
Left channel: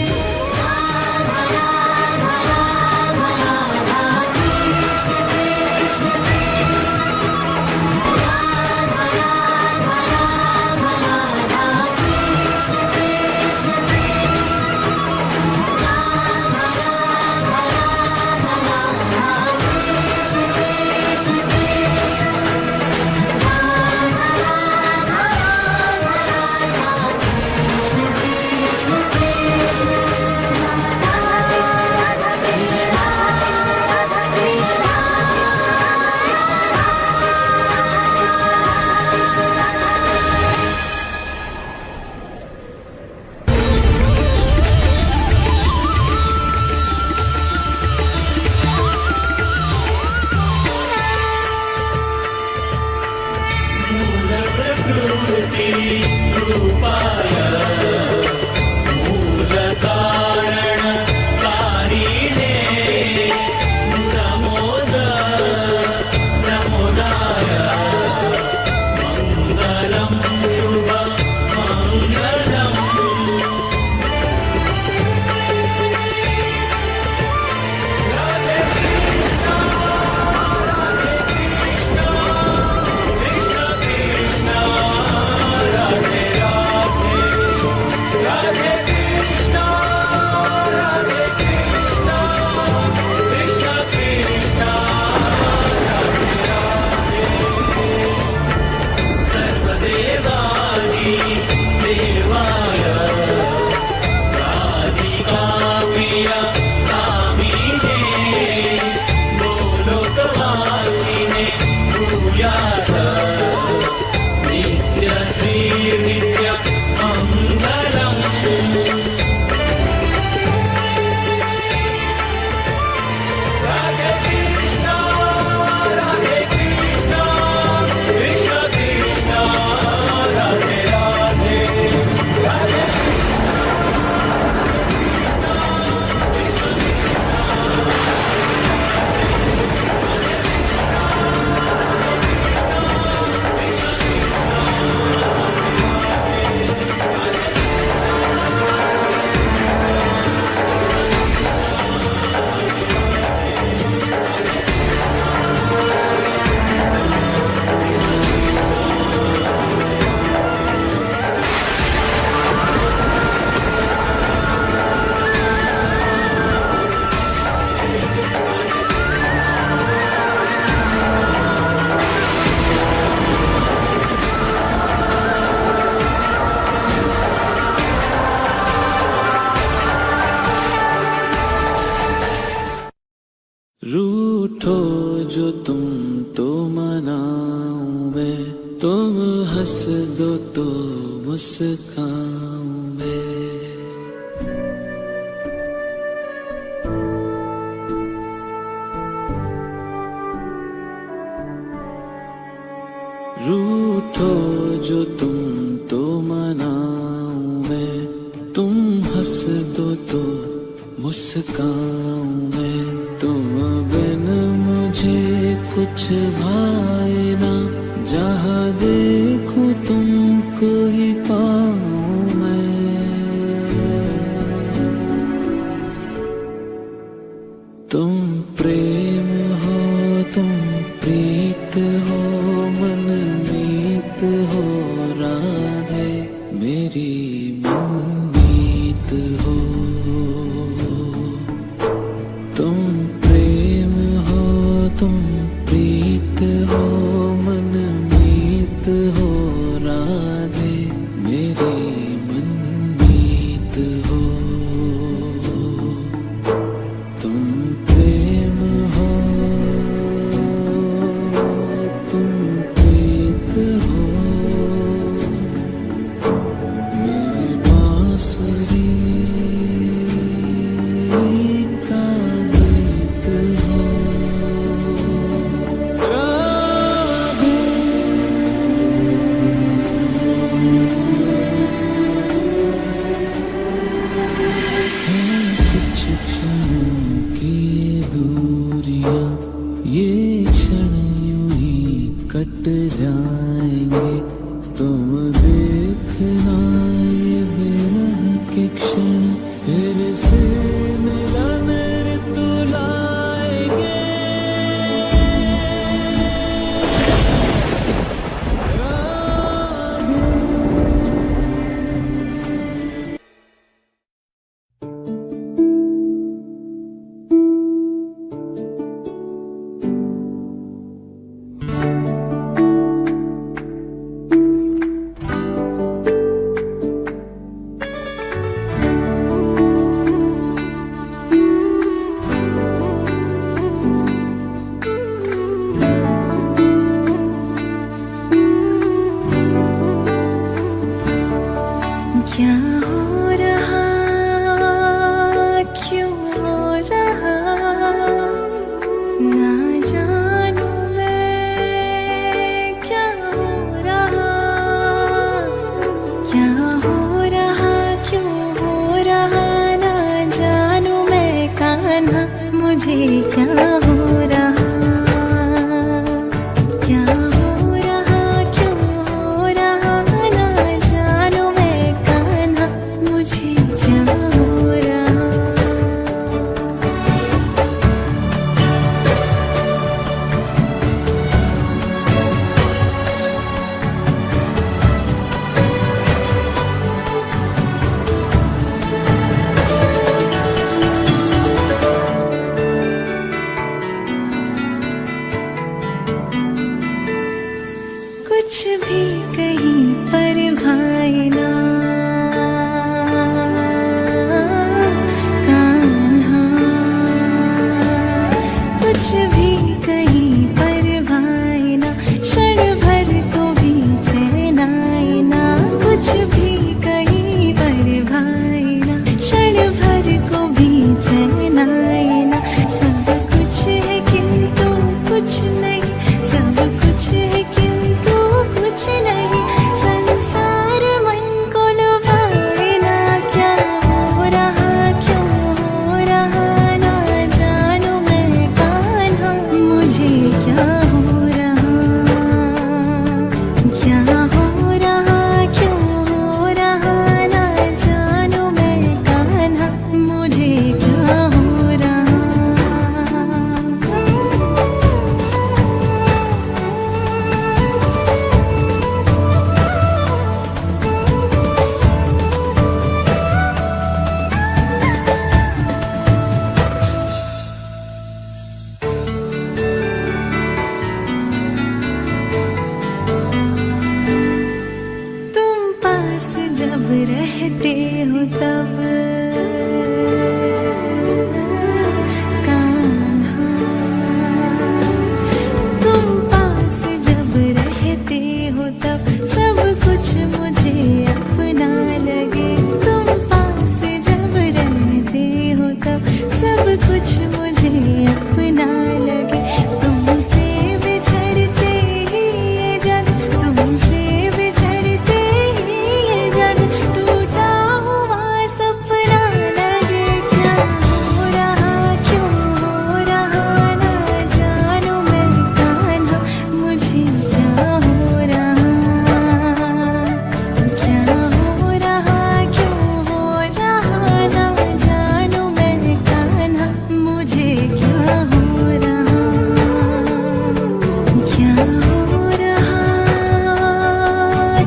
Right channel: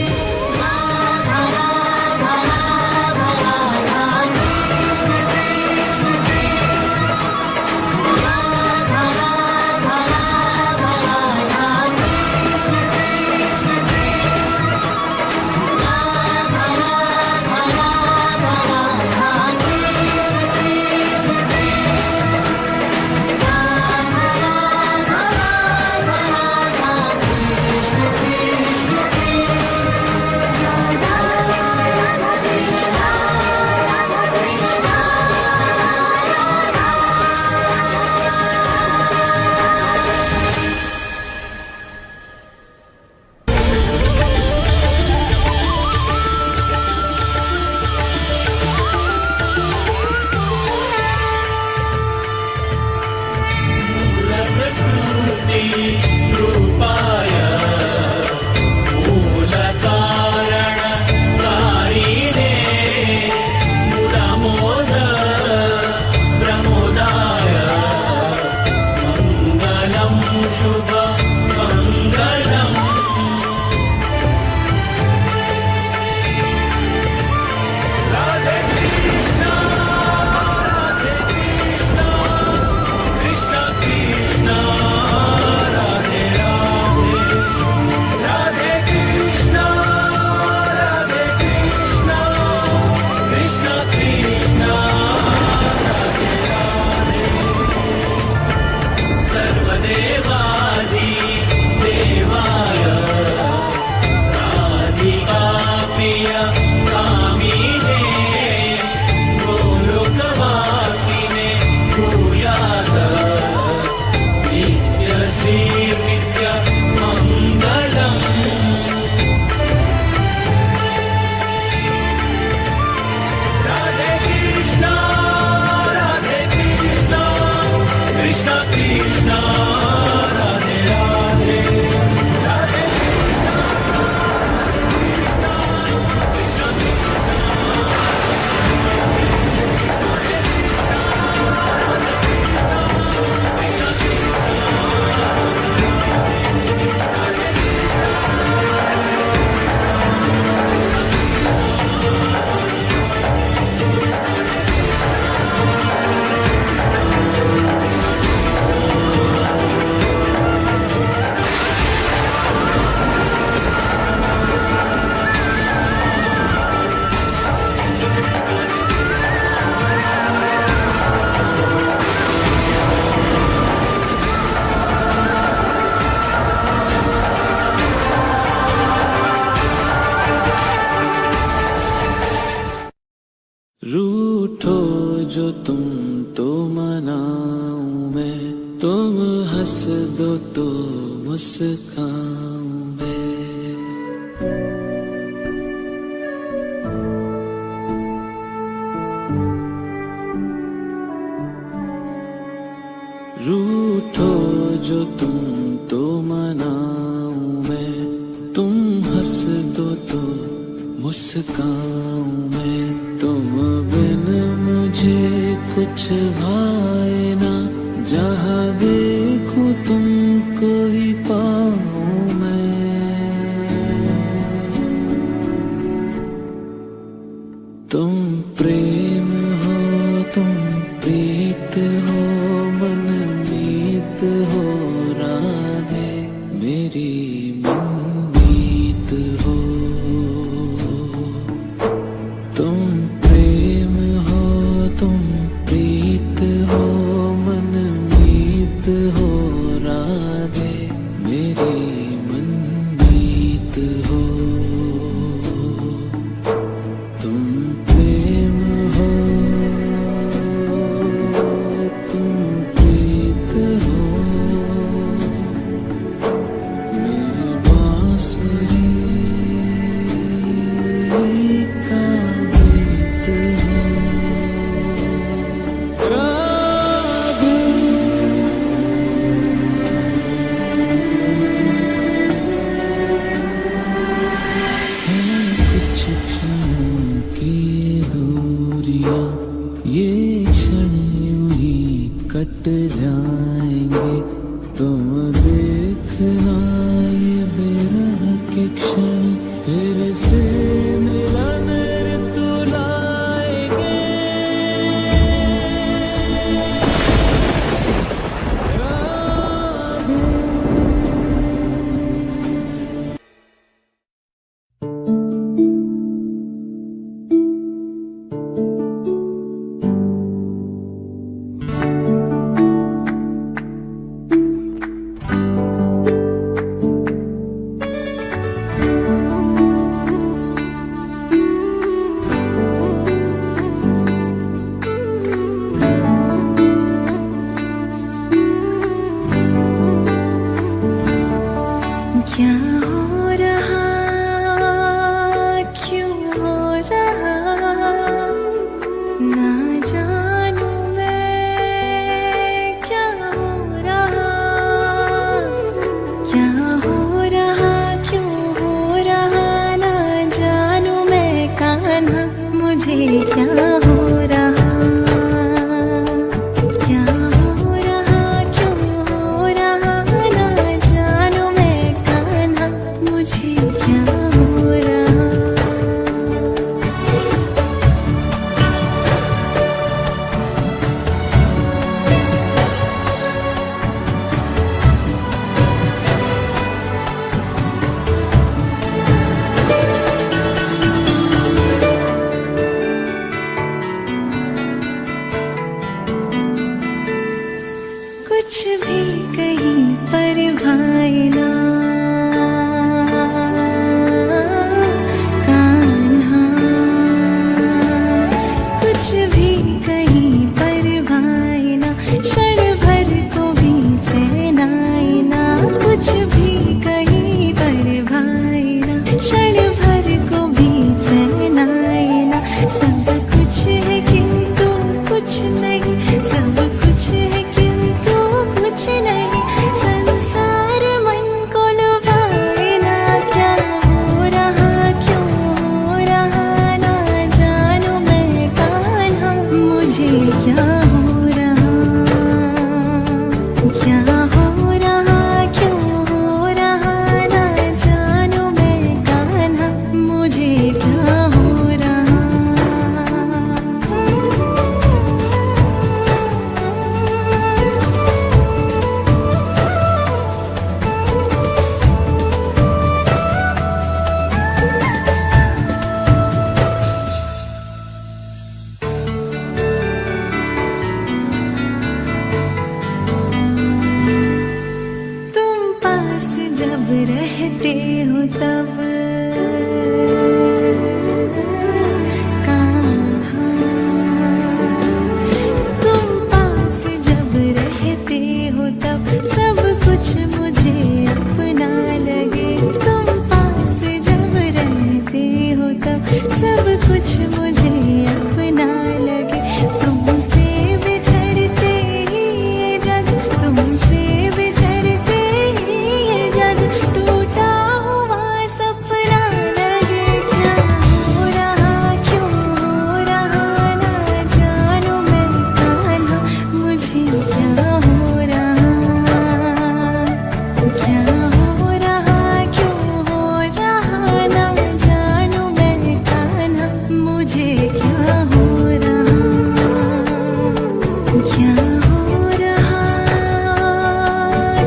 तुम हंस दो तो मुस्काऊं मैं। रूठो जो तुम तो मनाऊं मैं। तुम हंस दो तो मुस्काऊं मैं। तुम बिन मुझे कुछ भाए ना, जहाँ देखूं तुमको ही पाऊं मैं। तुम प्रेम हो, तुम प्रीत हो, मन मीत हो राधे, मेरी मनमीत हो। तुम प्रेम हो, तुम प्रीत हो, मन मीत हो राधे, मेरी मनमीत हो। तुम प्रेम हो, तुम प्रीत हो, मेरी बांसुरी का गीत हो राधे। हैं कुछ क्षणों की दूरियां, ये क्षण यूं ही कट जाएंगे। तुम देखना ये बेरह के क्षण फिर से मिलन ऋतु लाएंगे। राधे। क्या हो रहा, क्यों हो रहा, ना जानू मैं क्या हो रहा। क्या हो रहा, क्यों हो रहा, ना जानू मैं कान्हा, मुझे क्या हो रहा। क्या हो रहा, क्यों हो रहा, ना जानू मैं कान्हा, मुझे क्या हो रहा। कुछ भी कहीं पर भाई ना कान्हा, कुछ भी कहीं पर भाई ना, क्षण भर को भी चैन आए ना। कुछ भी कहीं पर भाई ना, क्षण भर को भी चैन आए ना। सब कुछ है किंतु कुछ नहीं, सब कुछ है किंतु कुछ नहीं। संसार मन को लुभाए ना, क्या हो रहा, क्यों हो रहा, ना जानू मैं कान्हा, मुझे क्या हो रहा। क्या हो रहा, क्यों हो रहा, ना जानू मैं कान्हा, मुझे क्या हो रहा। रहते हो तब कान्हा, तुम पास जब रहते हो तब सब कुछ मुझे अपना लगे। तुम पास जब रहते हो तब सब कुछ मुझे अपना लगे। तुमसे बिछड़ते ही ये जग, तुमसे बिछड़ते ही ये जग टूटा हुआ सपना लगे। क्या हो रहा क्यों हो रहा ना जानू मैं कान्हा, मुझे क्या हो रहा, क्या हो रहा क्यों हो रहा ना जानू मैं कान्हा, मुझे क्या हो रहा, क्या हो रहा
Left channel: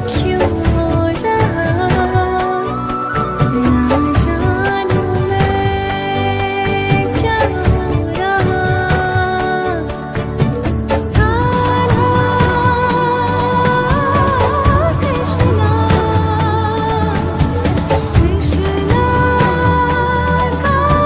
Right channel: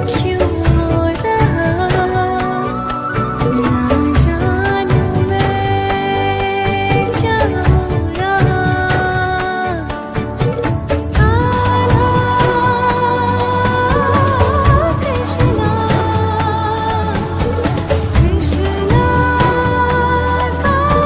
क्यों हो रहा ना जानू मैं क्या हो रहा। कान्हा कृष्णा कृष्णा कान्हा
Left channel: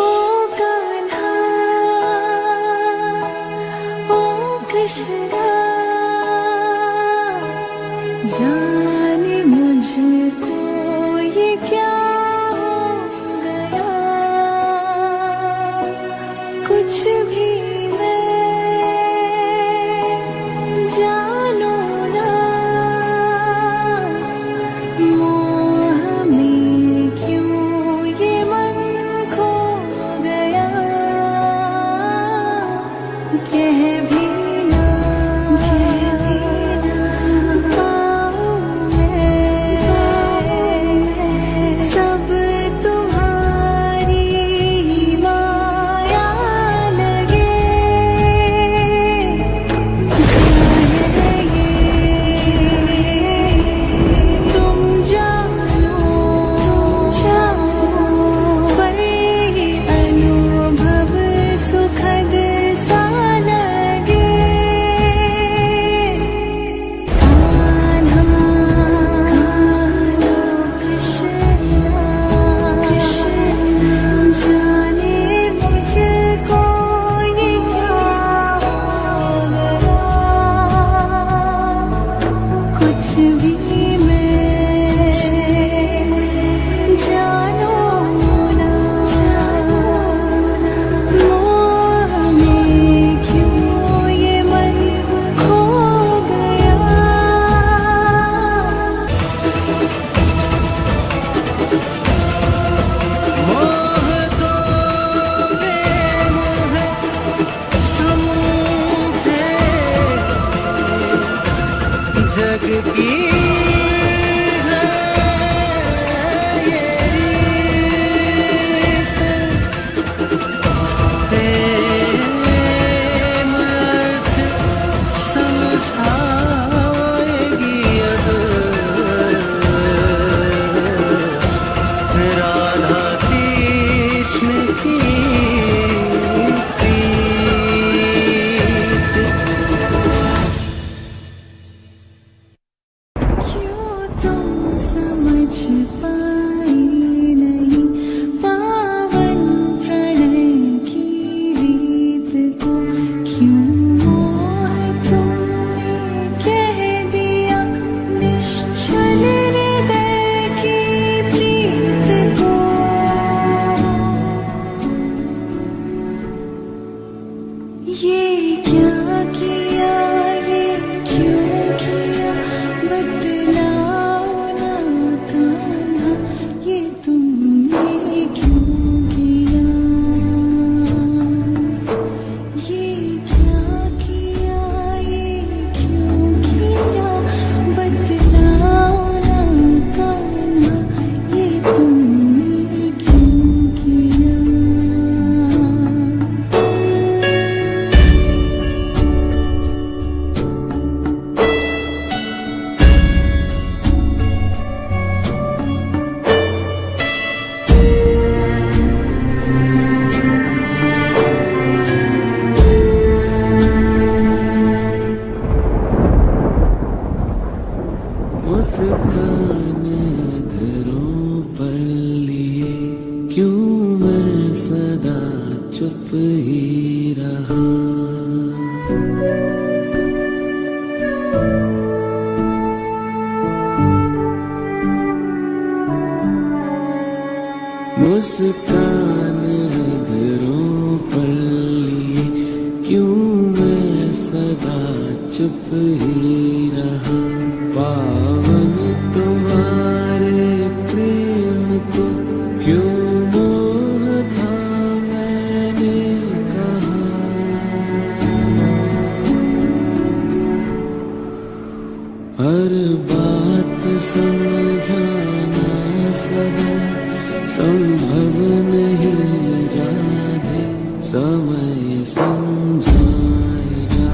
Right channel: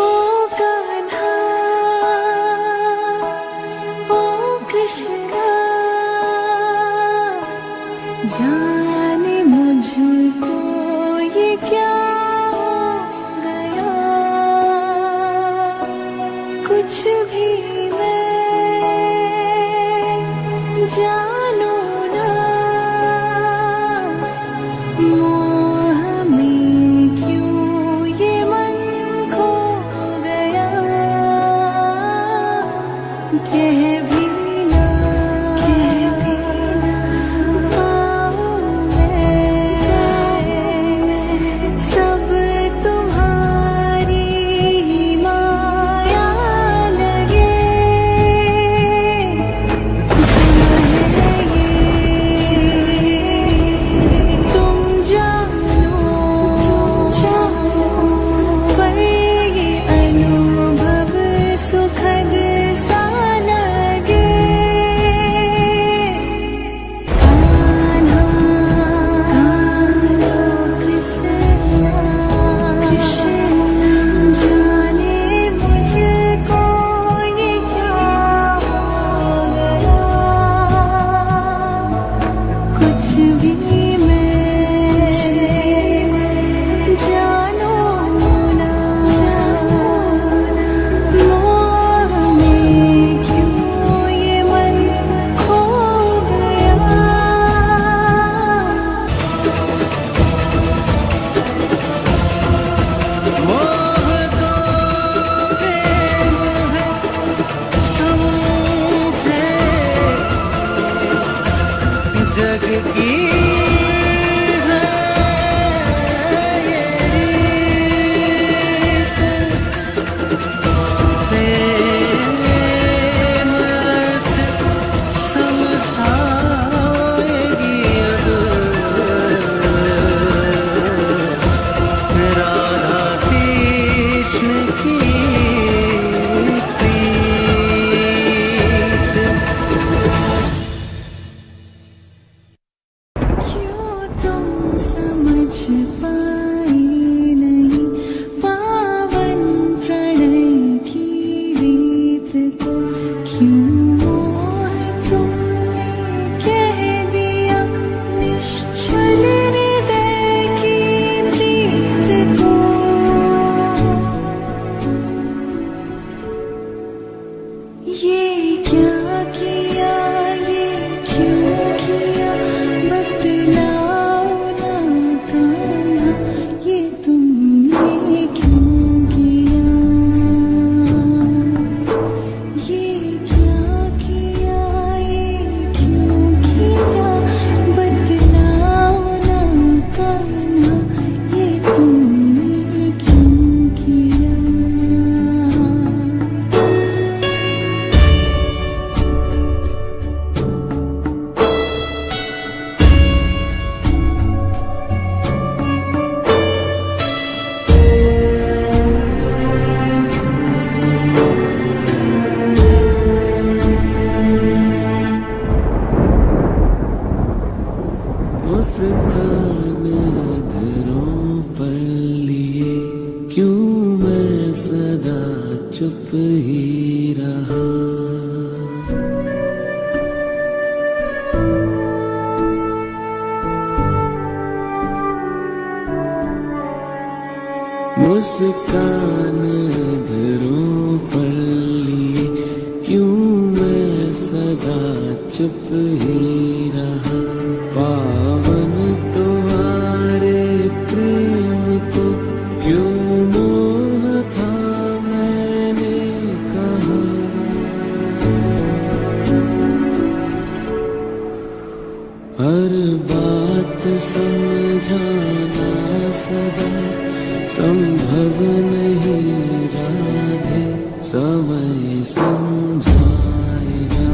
ओ कान्हा ओ कृष्णा, जाने मुझको ये क्या हो गया, कुछ भी मैं जानू ना, मोह में क्यों ये मन खो गया, कह भी ना पाऊं मैं, सब तुम्हारी ही माया लगे। कहे ये तुम जानो, पर ये अनुभव सुखद सा लगे। कान्हा कृष्णा, जाने मुझको ये क्या हो गया, कुछ भी मैं जानू ना, मोह में क्यों ये मन खो गया। मोह को प्रेम है समझे, जग की है ये रीत, प्रेम अर्थ समझाएगी अब राधा कृष्ण की प्रीत। क्यों तुम समझ पाए नहीं पावन प्रणय की रीत को, क्यों मोह तुमने कह दिया निश्चल हृदय की प्रीत को। सदा चुप ही रहा। मुस्कान अधरों पर लिए क्यों मैं सदा चुप ही रहा। पावन तुम्हारे प्रेम को क्यों मोह था मैंने कहा। हर बात समझाना सदा संभव नहीं राधे, समय समझाएगा।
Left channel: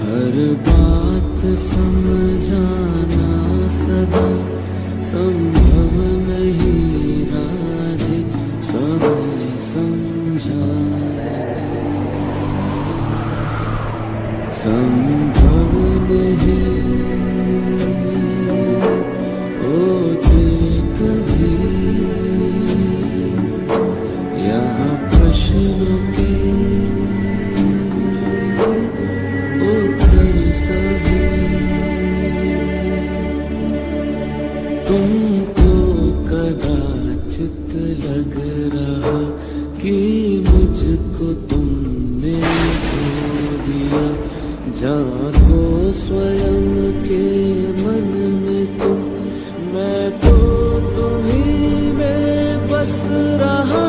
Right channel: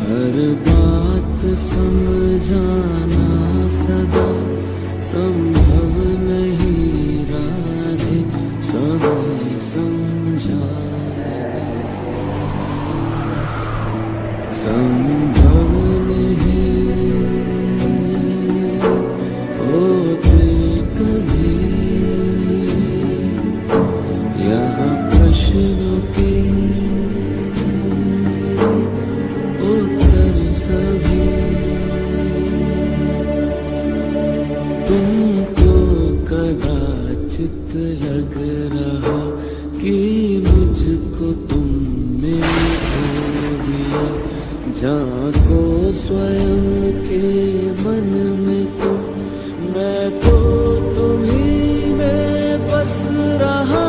हर बात समझाना सदा संभव नहीं राधे, समय समझाएगा। संभव नहीं होते कभी यहाँ प्रश्नों के उत्तर सभी। तुमको कदाचित लग रहा कि मुझको तुमने खो दिया। झांको स्वयं के मन में तुम, मैं तो तुम्हीं में बस रहा।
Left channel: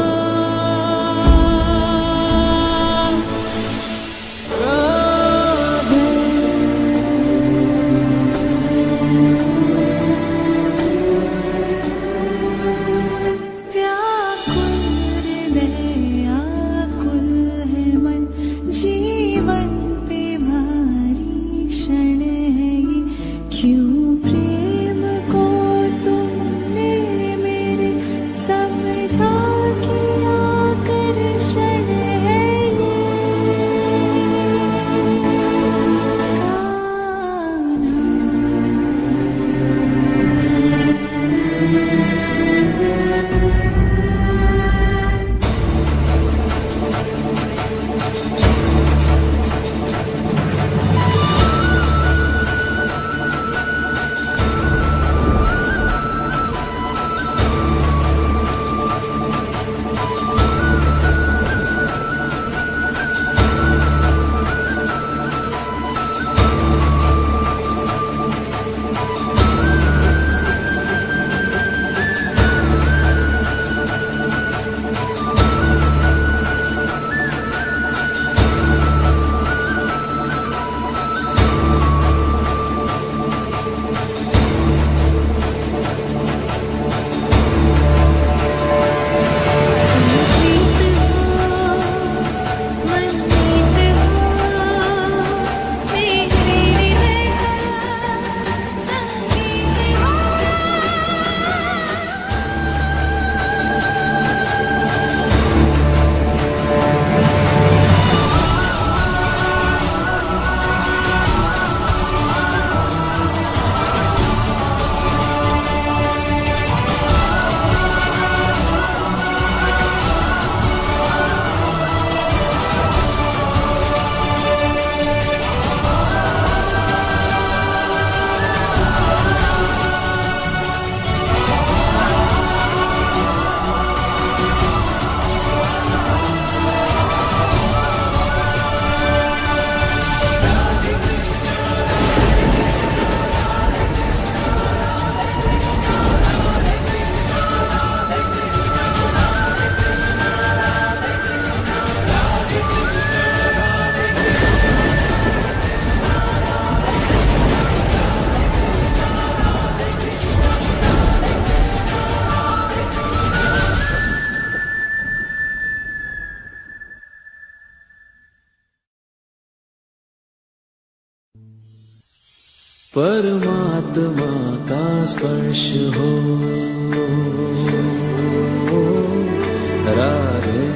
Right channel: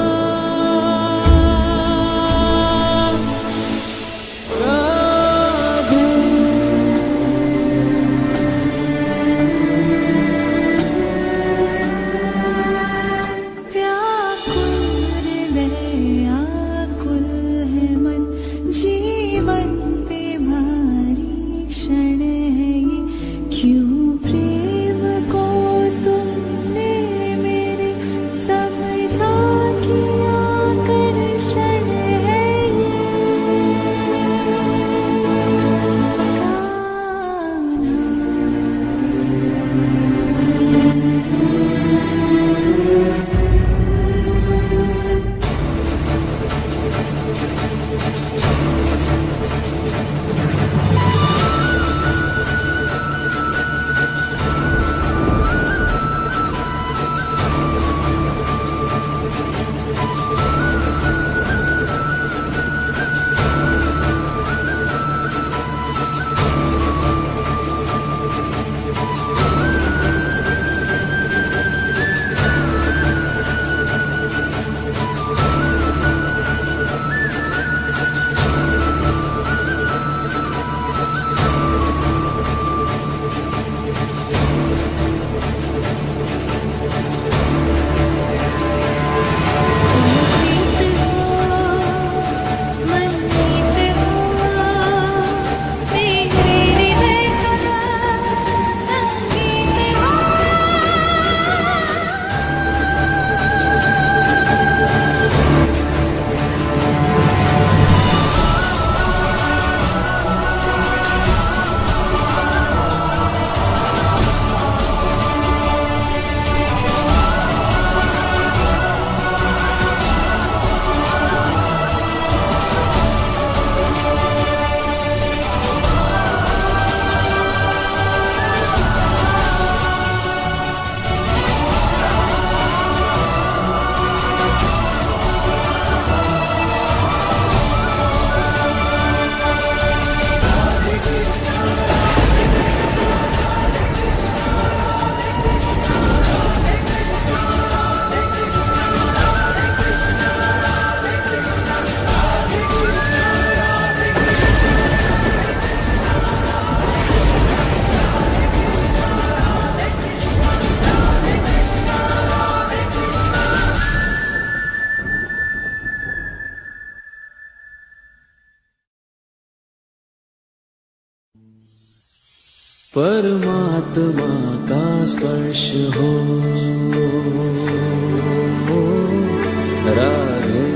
राधे व्याकुल हृदय आकुल है मन, जीवन पे भारी क्षण है ये। क्यों प्रेम को तुमने मेरे समझा कि आकर्षण है ये। कान्हा परमात्मा का स्पर्श हो राधे,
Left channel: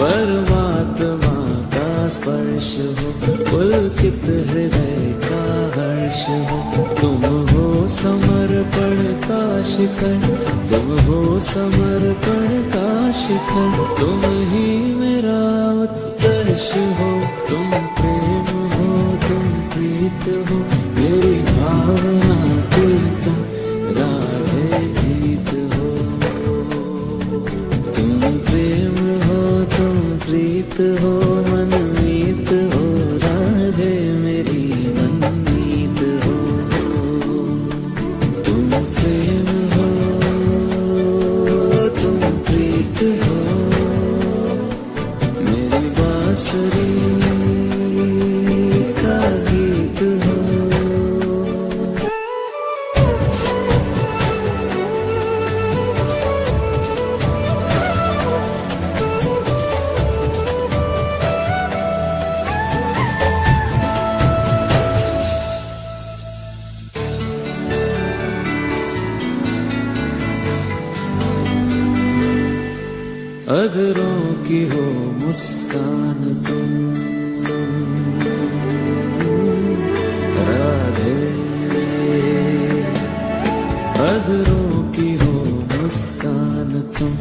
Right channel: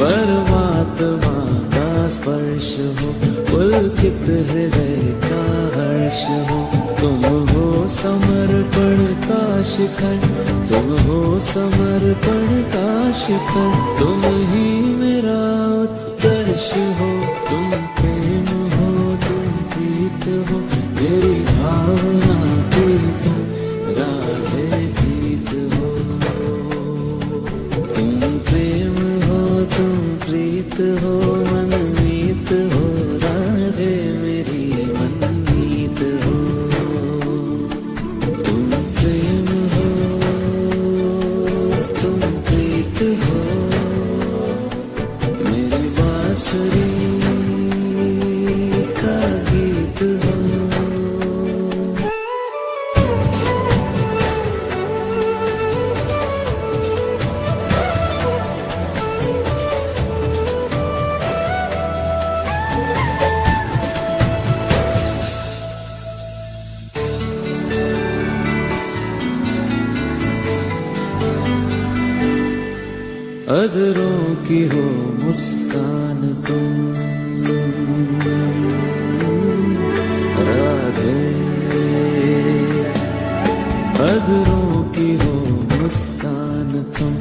परमात्मा का स्पर्श हो, पुलकित हृदय का हर्ष हो। तुम हो समर्पण का शिखर, तुम हो समर्पण का शिखर, तुम ही मेरा उत्कर्ष हो। तुम प्रेम हो, तुम प्रीत हो, मेरी भावना की तुम राधे जीत हो। तुम प्रेम हो, तुम प्रीत हो, मनमीत हो, राधे मेरी मनमीत हो। तुम प्रेम हो, तुम प्रीत हो, मेरी बांसुरी का गीत हो। अधरों की हो मुस्कान तुम राधे, अधरों की हो मुस्कान तुम,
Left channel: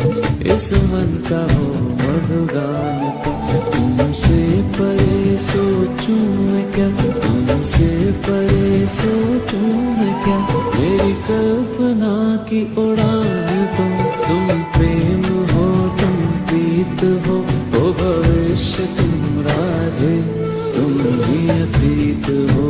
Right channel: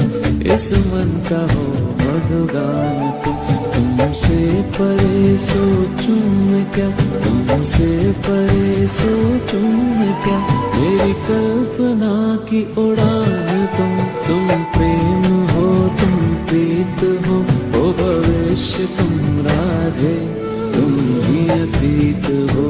इस मन का हो मधुगान तुम। तुमसे परे सोचूं मैं क्या, तुमसे परे सोचूं मैं क्या, मेरी कल्पना की उड़ान तुम। तुम प्रेम हो, तुम प्रीत हो, ओ भविष्य तुम राधे, तुम ही अतीत हो।